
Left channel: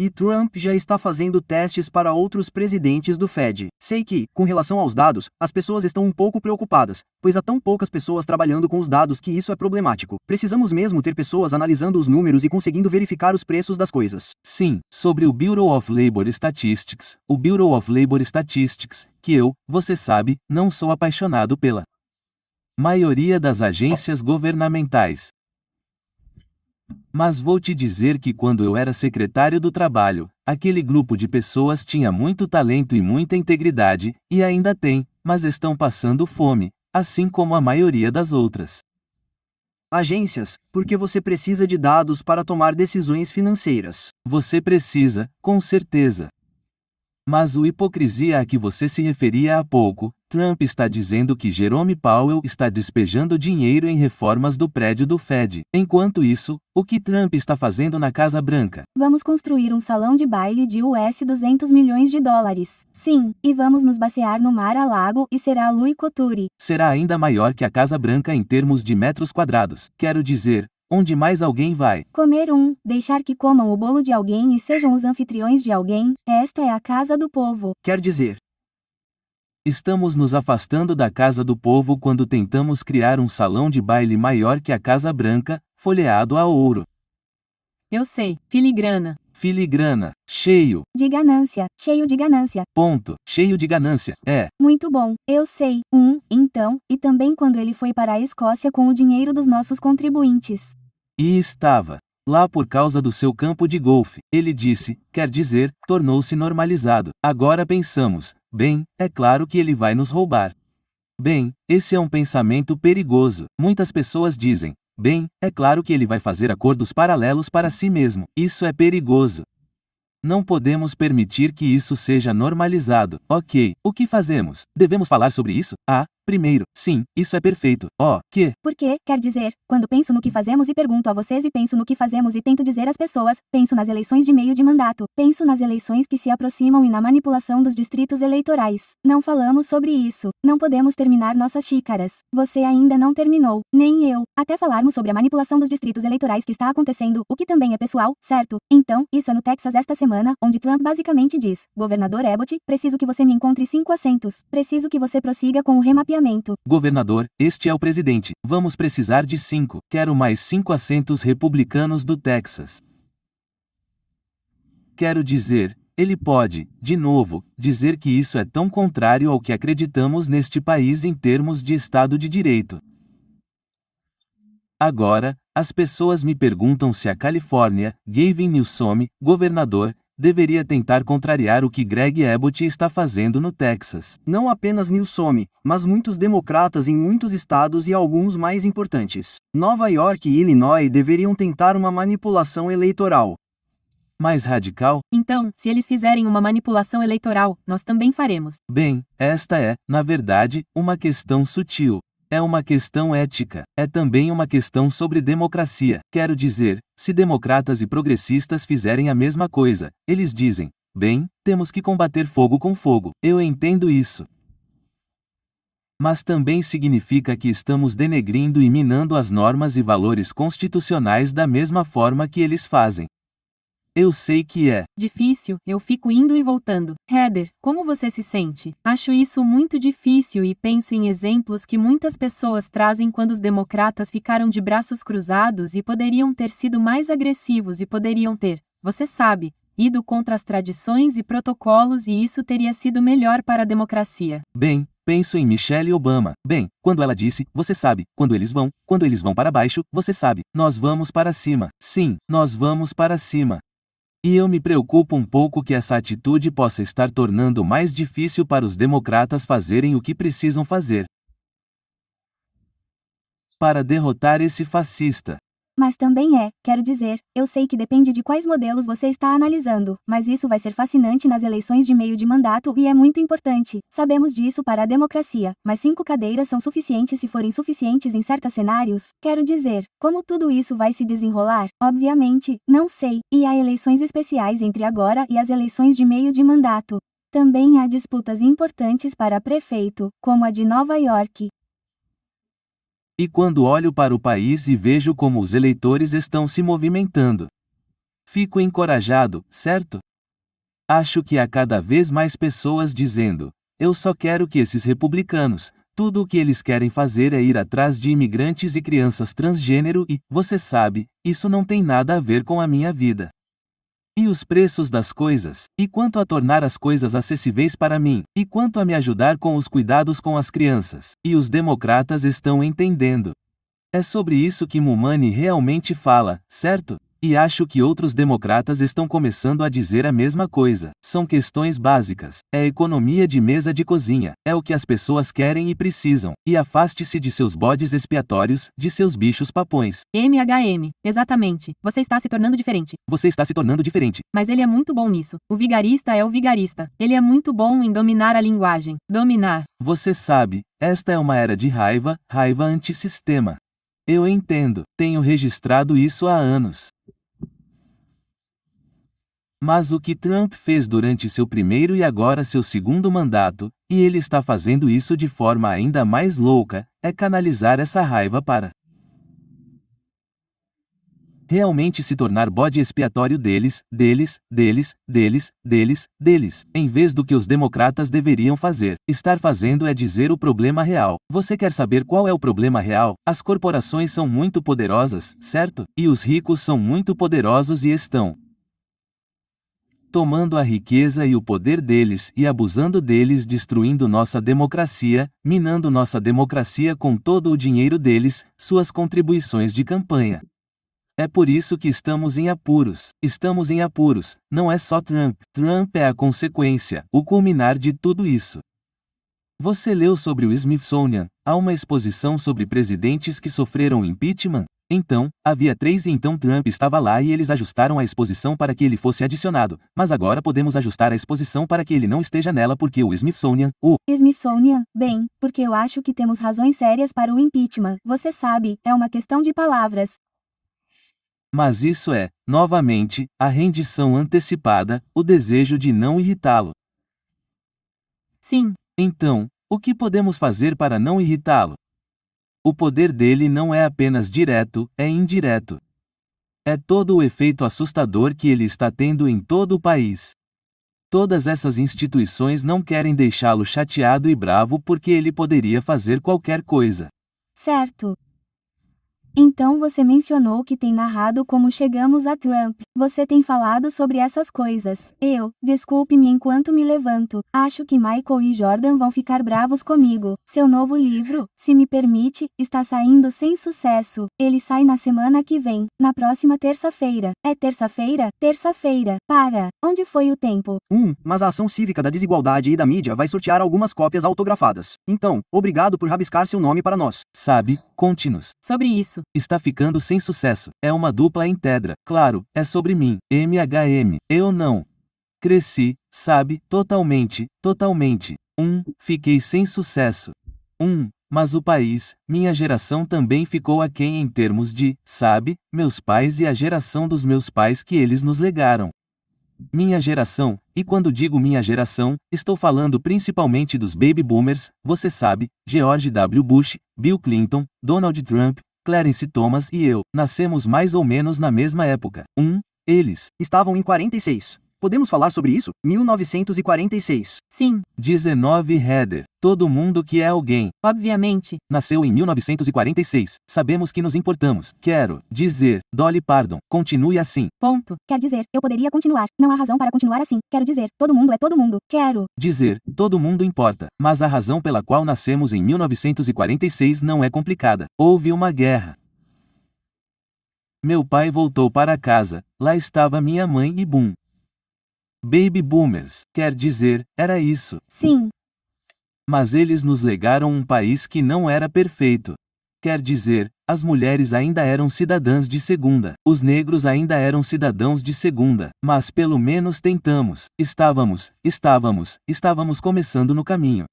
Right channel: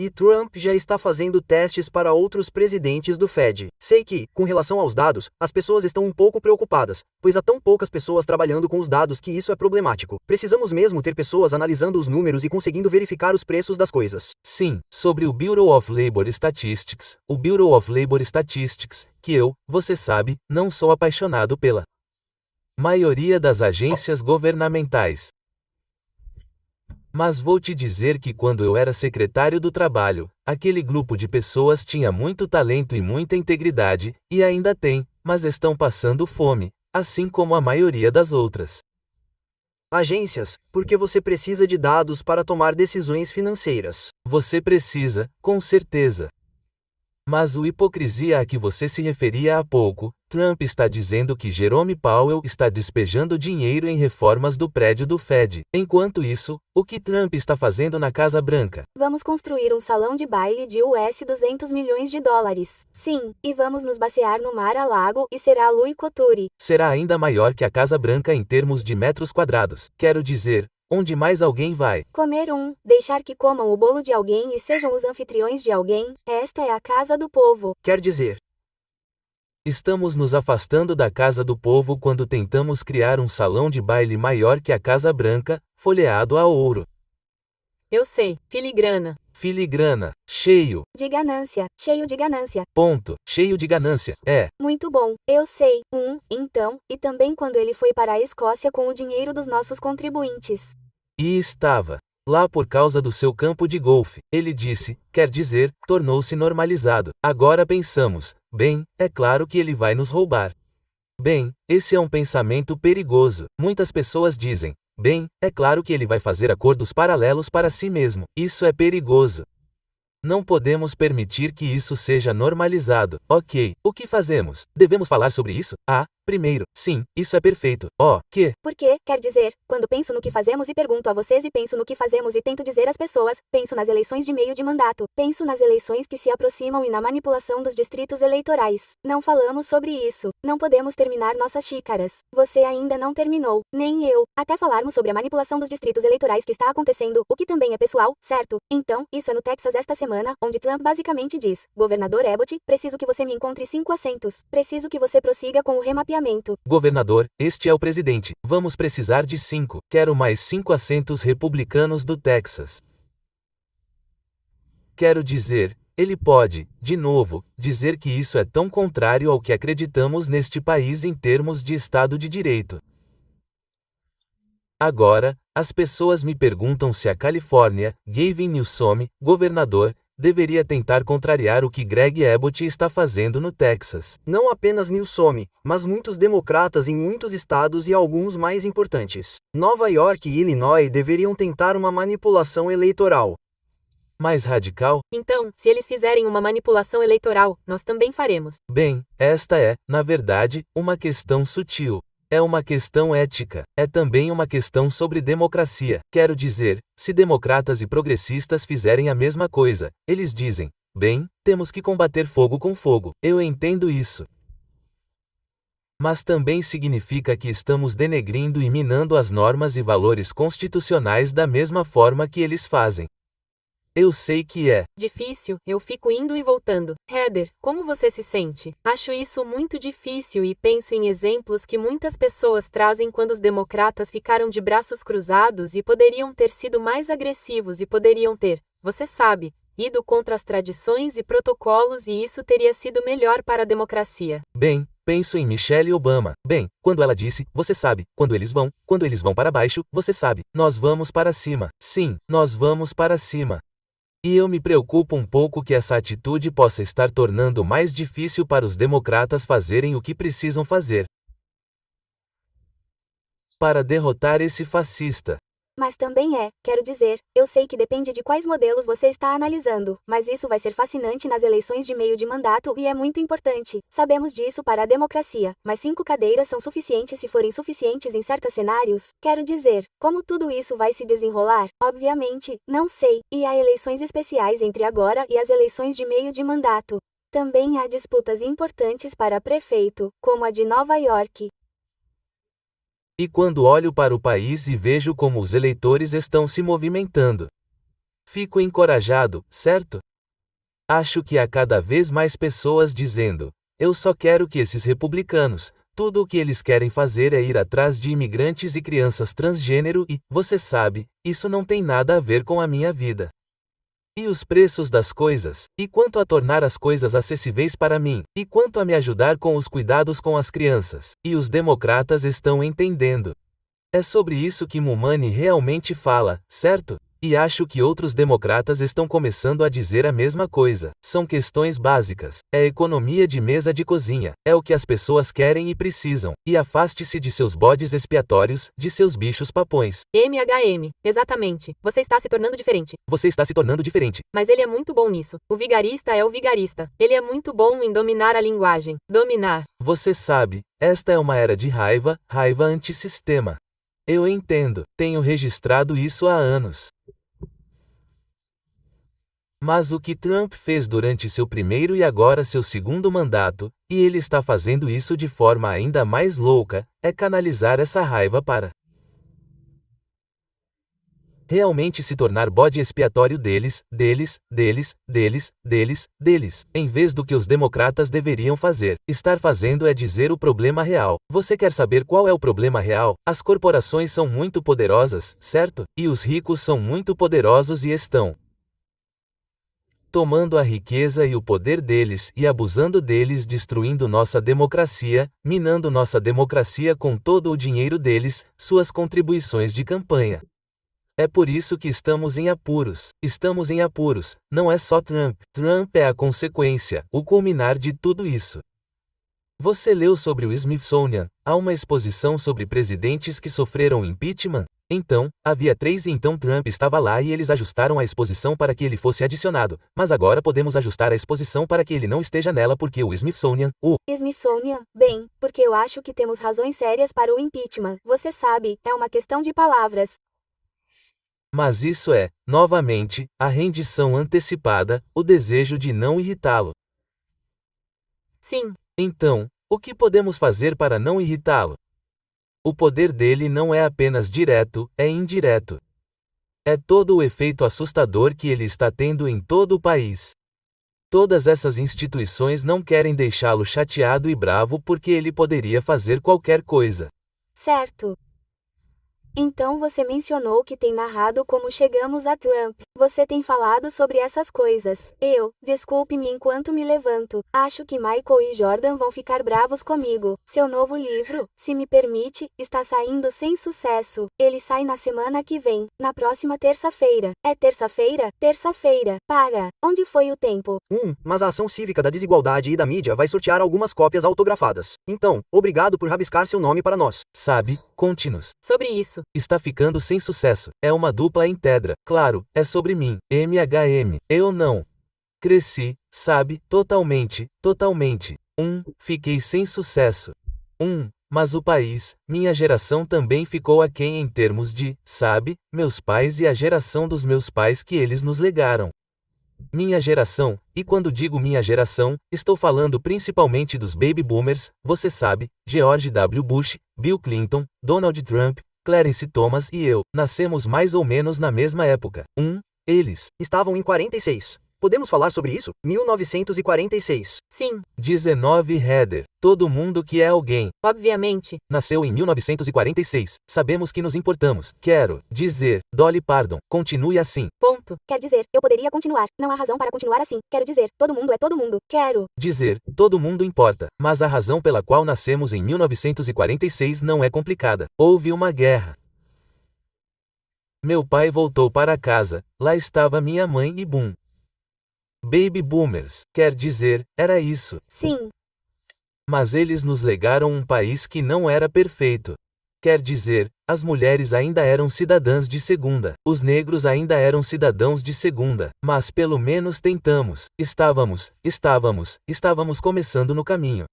E Trump já está fazendo testes para outros presidentes do Fed. Sei que, com relação aos dados, as pessoas estão um pouco preocupadas, pois há tão poucas pessoas trabalhando com os dados que isso é problemático. Precisamos mesmo ter pessoas analisando os números e conseguindo verificar os preços das coisas. Sim, sobre o Bureau of Labor Statistics, o Bureau of Labor Statistics, que eu, você sabe, não sou apaixonado pela maioria das agências governamentais. Mas vou te dizer que quando eu era secretário do trabalho, aquele grupo de pessoas tinha muito talento e muita integridade, e ainda tem, mas estão passando fome, assim como a maioria das outras agências, porque você precisa de dados para tomar decisões financeiras. Você precisa, com certeza. Mas o hipocrisia a que você se referia há pouco, Trump está dizendo que Jerome Powell está despejando dinheiro em reformas do prédio do Fed. Enquanto isso, o que Trump está fazendo na Casa Branca? Vamos construir um salão de baile de US 200 milhões de dólares. Sim, e vamos nos basear no Mar-a-Lago e será Louis Couture. Será ainda maior que a Casa Branca em termos de metros quadrados. Quero dizer, onde mais alguém vai comer deixar que comam o bolo de alguém e sejam os anfitriões de alguém, esta é a casa do povo. Quer dizer, estamos nos afastando da Casa do Povo quando tentamos criar um salão de baile maior que a Casa Branca, folheado a ouro. Eu sei, filigrana. Filigrana, cheio de ganância, cheio de ganância. Ponto, cheio de ganância, Muito bom, eu sei. Então, e também quando ele foi para a Escócia com o dinheiro dos nossos contribuintes. E estava lá por causa do seu campo de golfe. Ele disse, quer dizer, tornou-se normalizado. Agora pensamos, bem, é claro que ele vai nos roubar. Bem, esse é um pensamento perigoso. Muitas pessoas dizem, bem, é claro que ele vai fazer acordos paralelos para si mesmo. Isso é perigoso. Não podemos permitir que isso seja normalizado. Ok, o que fazemos? Devemos falar sobre isso? Primeiro, sim, isso é perfeito. Que? Porque, quer dizer, quando penso no que fazemos e pergunto a vocês e penso no que fazemos e tento dizer às pessoas, penso nas eleições de meio de mandato, penso nas eleições que se aproximam e na manipulação dos distritos eleitorais. Não falamos sobre isso. Não podemos terminar nossas xícaras. Você ainda não terminou, nem eu, até falarmos sobre a manipulação dos distritos eleitorais que está acontecendo, o que também é pessoal, certo? Então, isso é no Texas esta semana, onde Trump basicamente diz: Governador Abbott, preciso que você me encontre 5 assentos. Preciso que você prossiga com o remapeamento. Governador, este é o presidente. Vamos precisar de 5. Quero mais 5 assentos republicanos do Texas. Quero dizer, ele pode, de novo, dizer que isso é tão contrário ao que acreditamos neste país em termos de Estado de Direito. Agora, as pessoas me perguntam se a Califórnia, Gavin Newsom, governador, deveria tentar contrariar o que Greg Abbott está fazendo no Texas. Não apenas Newsom, mas muitos democratas em muitos estados e alguns mais importantes. Nova York e Illinois deveriam tentar uma manipulação eleitoral. Mais radical? Então, se eles fizerem uma manipulação eleitoral, nós também faremos. Bem, esta é, na verdade, uma questão sutil. É uma questão ética. É também uma questão sobre democracia. Quero dizer, se democratas e progressistas fizerem a mesma coisa, eles dizem: bem, temos que combater fogo com fogo. Eu entendo isso. Mas também significa que estamos denegrindo e minando as normas e valores constitucionais da mesma forma que eles fazem. Eu sei que é difícil, eu fico indo e voltando. Heather, como você se sente? Acho isso muito difícil e penso em exemplos que muitas pessoas trazem quando os democratas ficaram de braços cruzados e poderiam ter sido mais agressivos e poderiam ter, você sabe, ido contra as tradições e protocolos e isso teria sido melhor para a democracia. Bem, penso em Michelle Obama. Bem, quando ela disse, você sabe, quando eles vão para baixo, você sabe, nós vamos para cima. Sim, nós vamos para cima. E eu me preocupo um pouco que essa atitude possa estar tornando mais difícil para os democratas fazerem o que precisam fazer para derrotar esse fascista. Mas também quero dizer, eu sei que depende de quais modelos você está analisando, mas isso vai ser fascinante nas eleições de meio de mandato e é muito importante. Sabemos disso para a democracia, mas 5 cadeiras são suficientes se forem suficientes em certos cenários. Quero dizer, como tudo isso vai se desenrolar? Obviamente, não sei, e há eleições especiais entre agora e as eleições de meio de mandato. Também há disputas importantes para prefeito, como a de Nova York. E quando olho para o país e vejo como os eleitores estão se movimentando, fico encorajado, certo? Acho que há cada vez mais pessoas dizendo: eu só quero que esses republicanos, tudo o que eles querem fazer é ir atrás de imigrantes e crianças transgênero e, você sabe, isso não tem nada a ver com a minha vida. E os preços das coisas? E quanto a tornar as coisas acessíveis para mim? E quanto a me ajudar com os cuidados com as crianças? E os democratas estão entendendo. É sobre isso que Mumani realmente fala, certo? E acho que outros democratas estão começando a dizer a mesma coisa. São questões básicas. É economia de mesa de cozinha. É o que as pessoas querem e precisam. E afaste-se de seus bodes expiatórios, de seus bichos papões. MHM, exatamente. Você está se tornando diferente. Você está se tornando diferente. Mas ele é muito bom nisso. O vigarista é o vigarista. Ele é muito bom em dominar a linguagem. Dominar. Você sabe, esta é uma era de raiva antissistema. Eu entendo. Tenho registrado isso há anos. Mas o que Trump fez durante seu primeiro e agora seu segundo mandato, e ele está fazendo isso de forma ainda mais louca, é canalizar essa raiva para realmente se tornar bode expiatório deles, em vez do que os democratas deveriam fazer. Estar fazendo é dizer o problema real. Você quer saber qual é o problema real? As corporações são muito poderosas, certo? E os ricos são muito poderosos e estão tomando a riqueza e o poder deles e abusando deles, destruindo nossa democracia, minando nossa democracia com todo o dinheiro deles, suas contribuições de campanha. É por isso que estamos em apuros. Estamos em apuros. Não é só Trump. Trump é a consequência, o culminar de tudo isso. Você leu sobre o Smithsonian? Há uma exposição sobre presidentes que sofreram impeachment? Então, havia 3 e então Trump estava lá e eles ajustaram a exposição para que ele fosse adicionado, mas agora podemos ajustar a exposição para que ele não esteja nela porque o Smithsonian, Smithsonian, bem, porque eu acho que temos razões sérias para o impeachment. Você sabe, é uma questão de palavras. Mas isso é, novamente, a rendição antecipada, o desejo de não irritá-lo. Sim. Então, o que podemos fazer para não irritá-lo? O poder dele não é apenas direto, é indireto. É todo o efeito assustador que ele está tendo em todo o país. Todas essas instituições não querem deixá-lo chateado e bravo porque ele poderia fazer qualquer coisa. Certo. Então você mencionou que tem narrado como chegamos a Trump. Você tem falado sobre essas coisas. Desculpe-me enquanto me levanto. Acho que Michael e Jordan vão ficar bravos comigo. Seu novo livro, se me permite, está saindo sem sucesso. Ele sai na semana que vem, na próxima terça-feira. É terça-feira? Terça-feira. Para. Onde foi o tempo? Mas a ação cívica da desigualdade e da mídia vai sortear algumas cópias autografadas. Então, obrigado por rabiscar seu nome para nós. Sabe, conte-nos. Sobre isso. Está ficando sem sucesso. É uma dupla em Tedra. Claro, é sobre mim. MHM. Eu não. Cresci, sabe, totalmente. Fiquei sem sucesso. Mas o país, minha geração também ficou aquém em termos de, sabe, meus pais e a geração dos meus pais que eles nos legaram. Minha geração, e quando digo minha geração, estou falando principalmente dos baby boomers, você sabe, George W. Bush, Bill Clinton, Donald Trump, Clarence Thomas e eu, nascemos mais ou menos na mesma época. Eles estavam em 46. Podemos falar sobre isso? 1946. Sim. 19 Heather. Todo mundo que é alguém. Obviamente. Nasceu em 1946. Sabemos que nos importamos. Quero dizer, Dolly Parton, continue assim. Ponto. Quer dizer, eu poderia continuar. Não há razão para continuar assim. Quero dizer, todo mundo é todo mundo. Quero dizer, todo mundo importa. Mas a razão pela qual nascemos em 1946 não é complicada. Houve uma guerra. Meu pai voltou para casa. Lá estava minha mãe e boom. Baby boomers, quer dizer, era isso. Sim. Mas eles nos legaram um país que não era perfeito. Quer dizer, as mulheres ainda eram cidadãs de segunda, os negros ainda eram cidadãos de segunda, mas pelo menos tentamos, estávamos começando no caminho.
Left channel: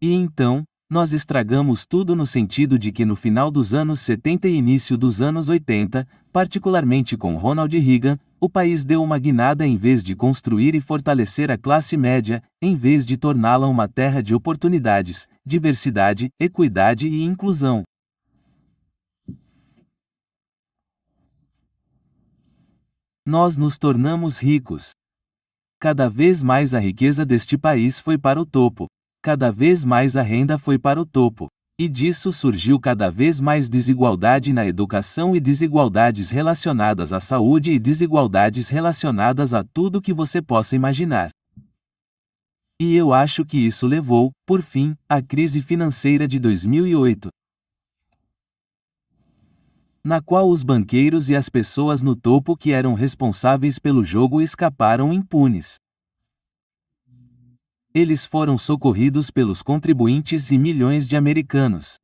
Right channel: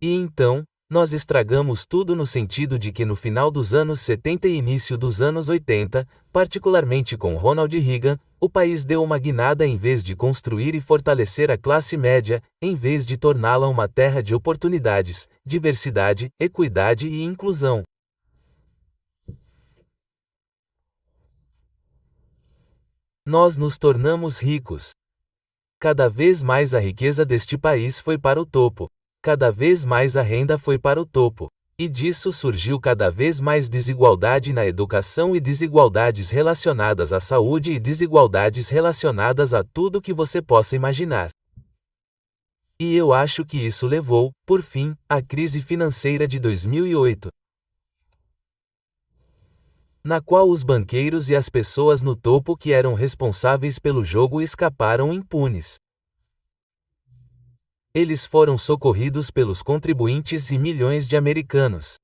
E então, nós estragamos tudo no sentido de que no final dos anos 70 e início dos anos 80, particularmente com Ronald Reagan, o país deu uma guinada em vez de construir e fortalecer a classe média, em vez de torná-la uma terra de oportunidades, diversidade, equidade e inclusão. Nós nos tornamos ricos. Cada vez mais a riqueza deste país foi para o topo. Cada vez mais a renda foi para o topo. E disso surgiu cada vez mais desigualdade na educação e desigualdades relacionadas à saúde e desigualdades relacionadas a tudo que você possa imaginar. E eu acho que isso levou, por fim, à crise financeira de 2008. Na qual os banqueiros e as pessoas no topo que eram responsáveis pelo jogo escaparam impunes. Eles foram socorridos pelos contribuintes e milhões de americanos.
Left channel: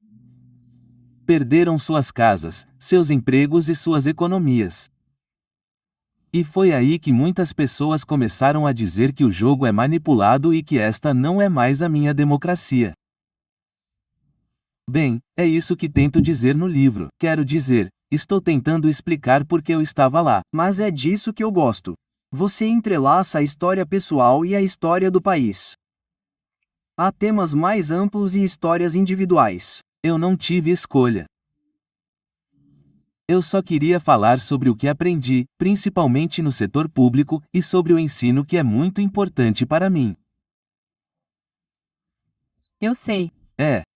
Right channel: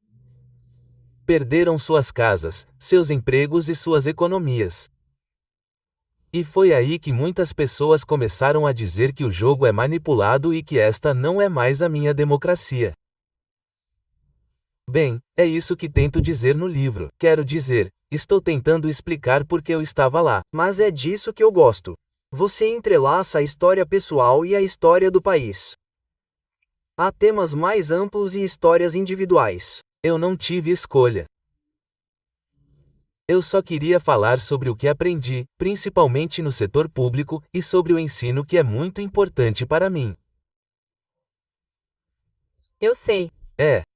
Perderam suas casas, seus empregos e suas economias. E foi aí que muitas pessoas começaram a dizer que o jogo é manipulado e que esta não é mais a minha democracia. Bem, é isso que tento dizer no livro. Quero dizer, estou tentando explicar porque eu estava lá. Mas é disso que eu gosto. Você entrelaça a história pessoal e a história do país. Há temas mais amplos e histórias individuais. Eu não tive escolha. Eu só queria falar sobre o que aprendi, principalmente no setor público, e sobre o ensino que é muito importante para mim. Eu sei.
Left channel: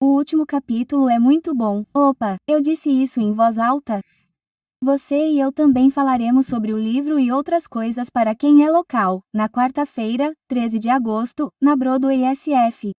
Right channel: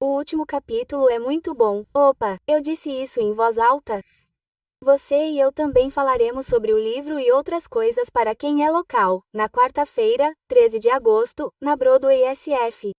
O último capítulo é muito bom. Opa, eu disse isso em voz alta? Você e eu também falaremos sobre o livro e outras coisas para quem é local, na quarta-feira, 13 de agosto, na Broadway SF.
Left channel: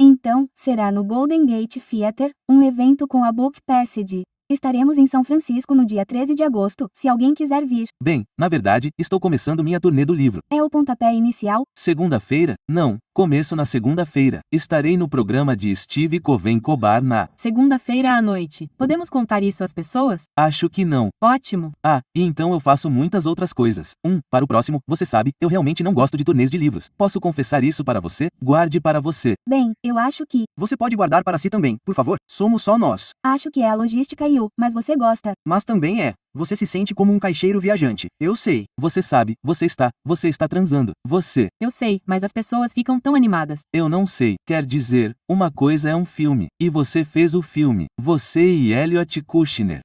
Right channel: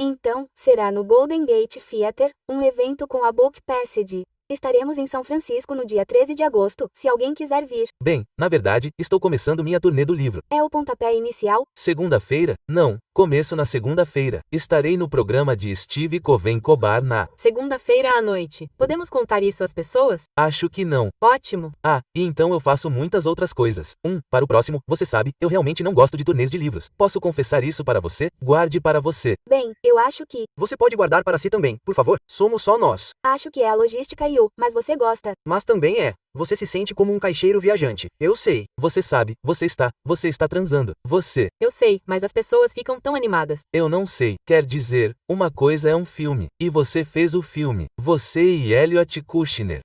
Então, será no Golden Gate Theatre, um evento com a Book Passage. Estaremos em São Francisco no dia 13 de agosto, se alguém quiser vir. Bem, na verdade, estou começando minha turnê do livro. É o pontapé inicial? Segunda-feira? Não, começo na segunda-feira. Estarei no programa de Steve Coven-Cobar na... Segunda-feira à noite. Podemos contar isso às pessoas? Acho que não. Ótimo. Ah, e então eu faço muitas outras coisas. Para o próximo, você sabe, eu realmente não gosto de turnês de livros. Posso confessar isso para você? Guarde para você. Bem, eu acho que. Você pode guardar para si também, por favor. Somos só nós. Acho que é a logística e mas você gosta. Mas também é. Você se sente como um caixeiro viajante. Eu sei. Você sabe, você está transando. Você. Eu sei, mas as pessoas ficam tão animadas. Eu não sei. Quer dizer, uma coisa é um filme. E você fez o filme. Você e Elliot Kushner.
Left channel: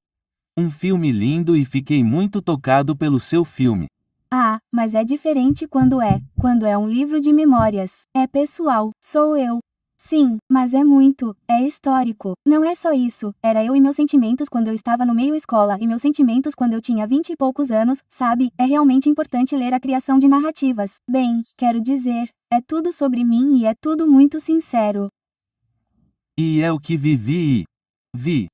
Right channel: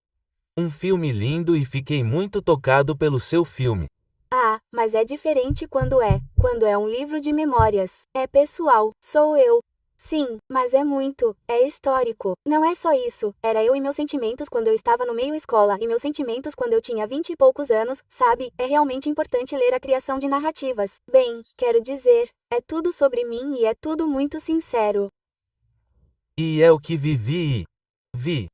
Um filme lindo e fiquei muito tocado pelo seu filme. Ah, mas é diferente quando é um livro de memórias. É pessoal, sou eu. Sim, mas é histórico. Não é só isso, era eu e meus sentimentos quando eu estava no meio escola e meus sentimentos quando eu tinha 20 e poucos anos, sabe? É realmente importante ler a criação de narrativas. Bem, quero dizer, é tudo sobre mim e é tudo muito sincero. E é o que vivi e vi.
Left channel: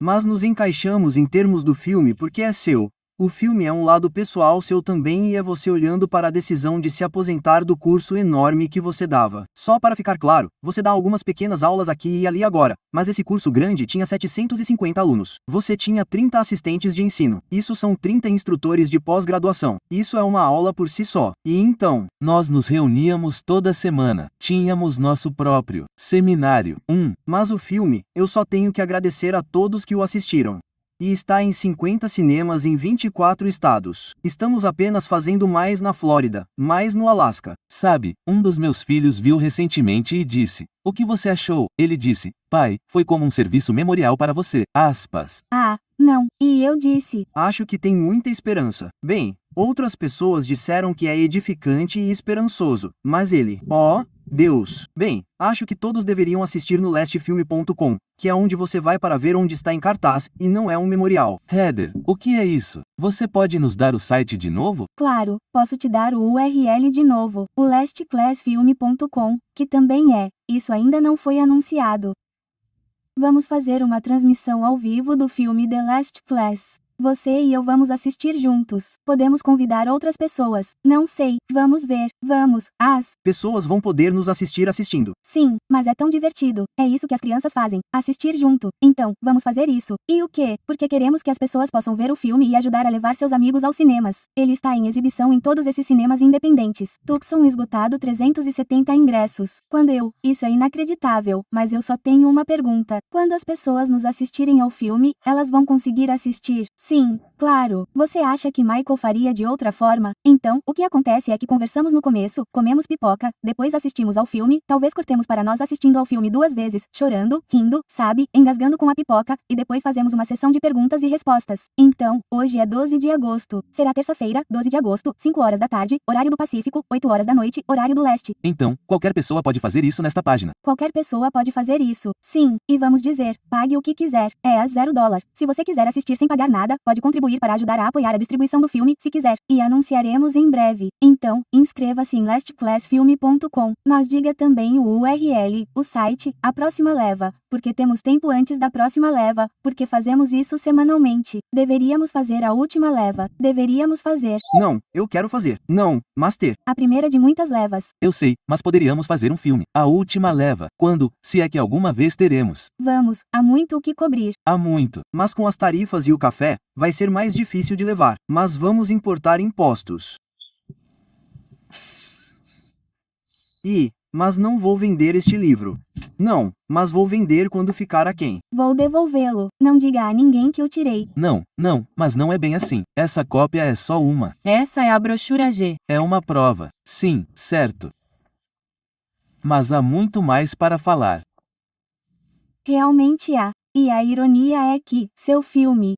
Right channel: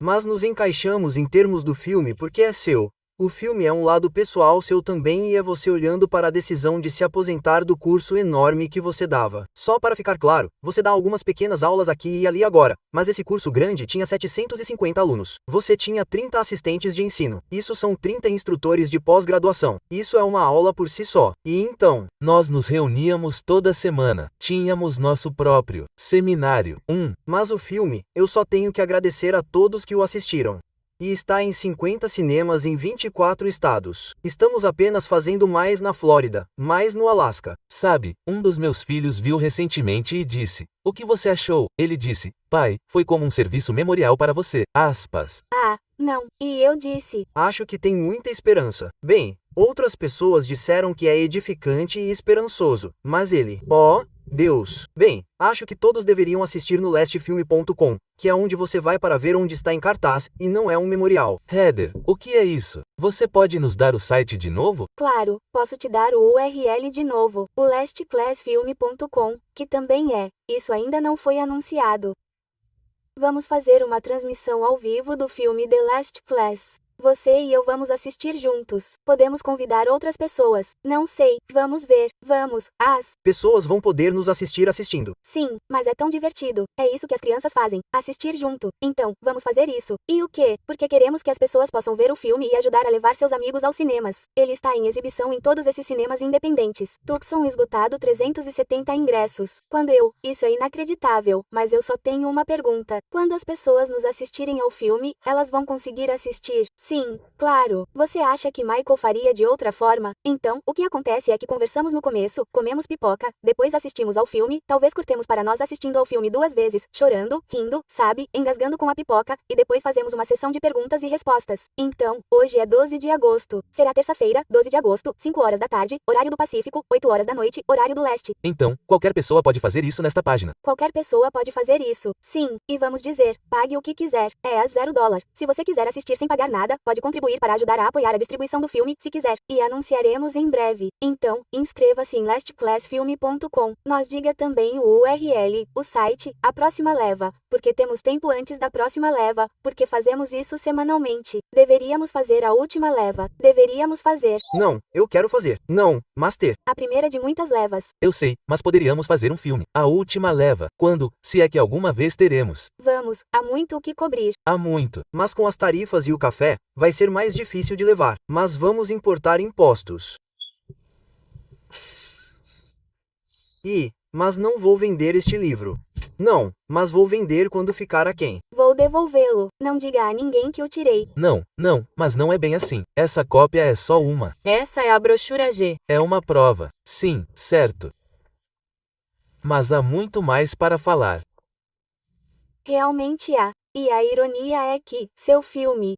Mas nos encaixamos em termos do filme porque é seu. O filme é um lado pessoal seu também e é você olhando para a decisão de se aposentar do curso enorme que você dava. Só para ficar claro, você dá algumas pequenas aulas aqui e ali agora, mas esse curso grande tinha 750 alunos. Você tinha 30 assistentes de ensino. Isso são 30 instrutores de pós-graduação. Isso é uma aula por si só. E então, Nós nos reuníamos toda semana. Tínhamos nosso próprio seminário. mas o filme, eu só tenho que agradecer a todos que o assistiram. E está em 50 cinemas em 24 estados. Estamos apenas fazendo mais na Flórida, mais no Alasca. Sabe, um dos meus filhos viu recentemente e disse: "O que você achou?" Ele disse: "Pai, foi como um serviço memorial para você." Aspas. Ah, não, e eu disse. Acho que tem muita esperança. Bem, outras pessoas disseram que é edificante e esperançoso, mas ele, Deus. Bem, acho que todos deveriam assistir no lastfilme.com, que é onde você vai para ver onde está em cartaz, e não é um memorial. Heather, o que é isso? Você pode nos dar o site de novo? Claro, posso te dar o URL de novo, o lastclassfilme.com, que também é. Isso ainda não foi anunciado. Vamos fazer uma transmissão ao vivo do filme The Last Class. Você e eu vamos assistir juntos. Podemos convidar outras pessoas. Não sei, vamos ver. Vamos. As pessoas vão poder nos assistir assistindo. Sim, mas é tão divertido. É isso que as crianças fazem. Assistir junto. Então, vamos fazer isso. E o quê? Porque queremos que as pessoas possam ver o filme e ajudar a levar seus amigos aos cinemas. Ele está em exibição em todos esses cinemas independentes. Tucson esgotado 370 ingressos. Isso é inacreditável, mas eu só tenho uma pergunta. Quando as pessoas nos assistirem ao filme, elas vão conseguir assistir? Sim, claro. Você acha que Michael faria de outra forma? Então, o que acontece é que conversamos no começo, comemos pipoca, depois assistimos ao filme, talvez cortemos para nós assistindo ao filme 2 vezes, chorando, rindo, sabe, engasgando com a pipoca, e depois fazemos uma sessão de perguntas e respostas. Então, hoje é 12 de agosto. Será terça-feira, 12 de agosto, 5 horas da tarde, horário do Pacífico, 8 horas da noite, horário do leste. Então, qualquer pessoa pode fazer isso nesta página. Qualquer pessoa pode fazer isso. Sim, e vamos dizer, pague o que quiser. É a $0. Se você quiser assistir sem pagar nada, pode contribuir para ajudar a apoiar a distribuição do filme, se quiser. E anunciaremos em breve. Então, inscreva-se em lastclassfilme.com. Nos diga também o URL, o site, a próxima leva, porque temos tempo antes da próxima leva, porque fazemos isso semanalmente. Deveríamos fazer a última leva. Deveríamos fazer. Não, eu quero fazer. Não, mas ter. A primeira de muitas levas. Eu sei, mas poderíamos fazer um filme. A última leva. Quando, se é que alguma vez teremos. Vamos, há muito o que cobrir. Há muito. Mas com as tarifas e o café, vai ser mais difícil de levar. Mas vamos importar impostos. Mas não vou vender este livro. Não, mas vou vender quando ficar aquém. Vou devolvê-lo. Não diga a ninguém que o tirei. Não, mas não é bem assim. Essa cópia é só uma. Essa é a brochura G. É uma prova. Sim, certo. Mas há muito mais para falar. Realmente há. E a ironia é que, seu filme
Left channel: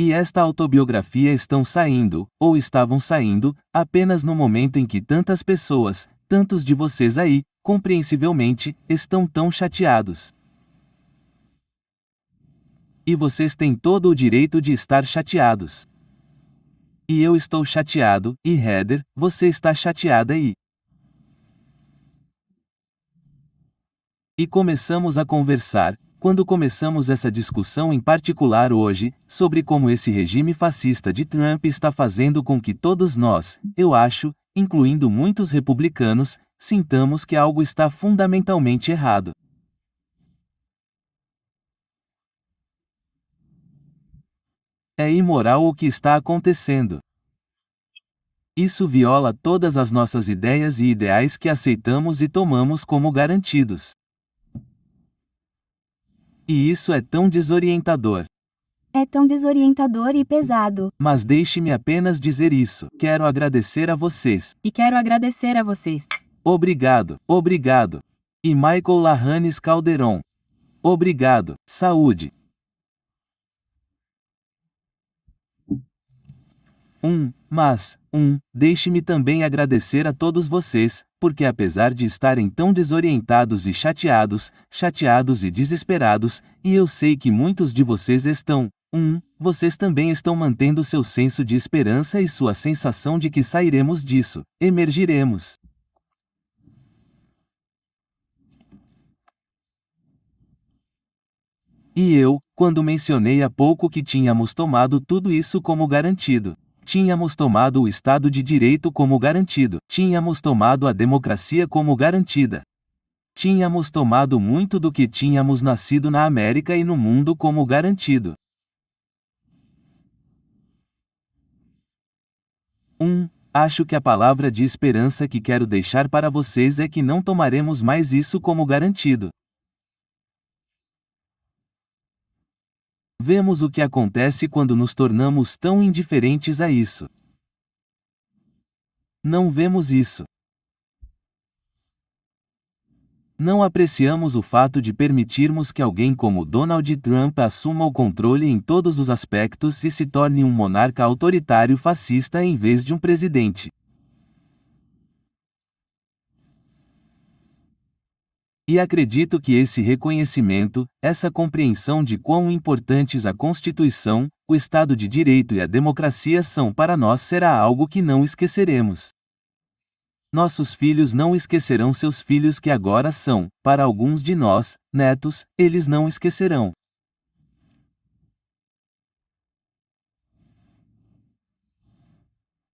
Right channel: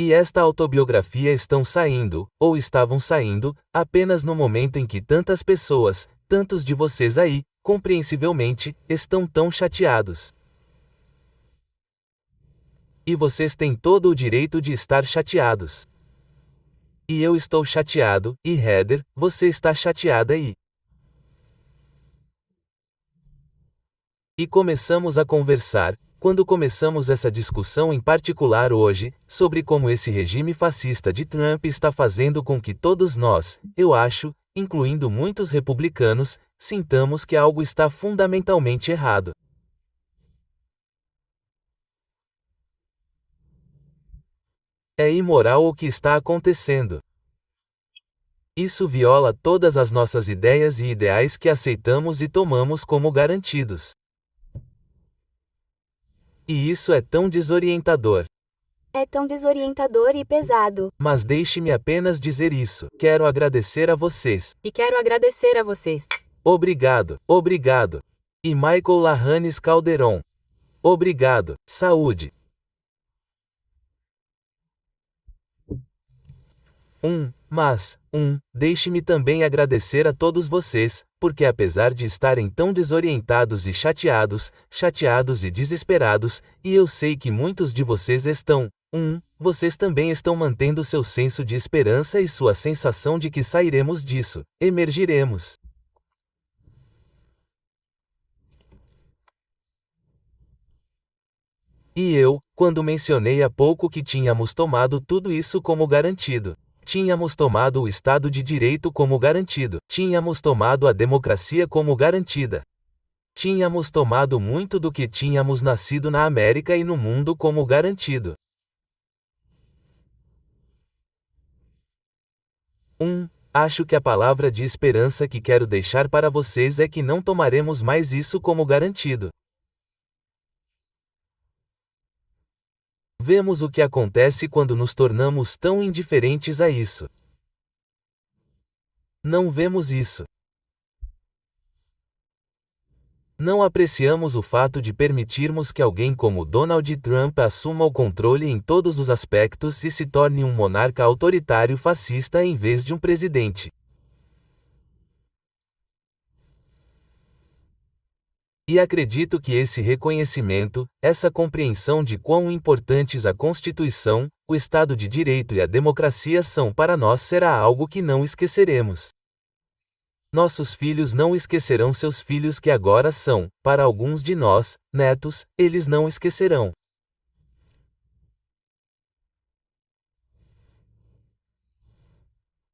e esta autobiografia estão saindo, ou estavam saindo, apenas no momento em que tantas pessoas, tantos de vocês aí, compreensivelmente, estão tão chateados. E vocês têm todo o direito de estar chateados. E eu estou chateado, e Heather, você está chateada e E começamos a conversar, quando começamos essa discussão em particular hoje, sobre como esse regime fascista de Trump está fazendo com que todos nós, eu acho, incluindo muitos republicanos, sintamos que algo está fundamentalmente errado. É imoral o que está acontecendo. Isso viola todas as nossas ideias e ideais que aceitamos e tomamos como garantidos. E isso é tão desorientador. É tão desorientador e pesado. Mas deixe-me apenas dizer isso. Quero agradecer a vocês. E quero agradecer a vocês. Obrigado, obrigado. E Michael Lahanes Calderon. Obrigado, saúde. Deixe-me também agradecer a todos vocês, porque apesar de estarem tão desorientados e chateados e desesperados, e eu sei que muitos de vocês estão, vocês também estão mantendo seu senso de esperança e sua sensação de que sairemos disso, emergiremos. E eu, quando mencionei há pouco que tínhamos tomado tudo isso como garantido. Tínhamos tomado o Estado de Direito como garantido. Tínhamos tomado a democracia como garantida. Tínhamos tomado muito do que tínhamos nascido na América e no mundo como garantido. Acho que a palavra de esperança que quero deixar para vocês é que não tomaremos mais isso como garantido. Vemos o que acontece quando nos tornamos tão indiferentes a isso. Não vemos isso. Não apreciamos o fato de permitirmos que alguém como Donald Trump assuma o controle em todos os aspectos e se torne um monarca autoritário fascista em vez de um presidente. E acredito que esse reconhecimento, essa compreensão de quão importantes a Constituição, o Estado de Direito e a democracia são para nós será algo que não esqueceremos. Nossos filhos não esquecerão seus filhos que agora são, para alguns de nós, netos, eles não esquecerão.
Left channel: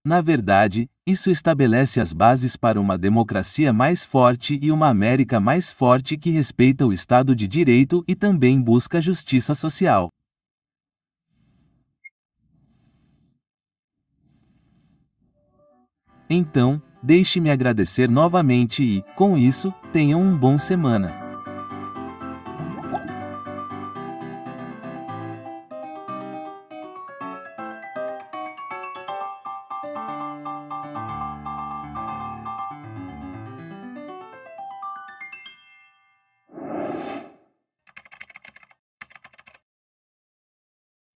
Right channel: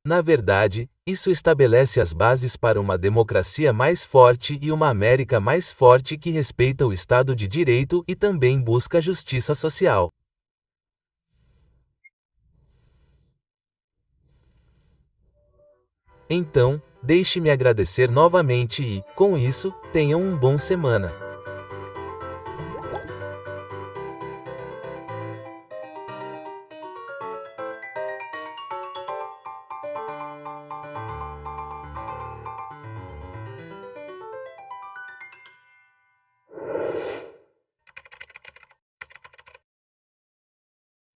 Na verdade, isso estabelece as bases para uma democracia mais forte e uma América mais forte que respeita o Estado de Direito e também busca justiça social. Então, deixe-me agradecer novamente e, com isso, tenham um bom semana.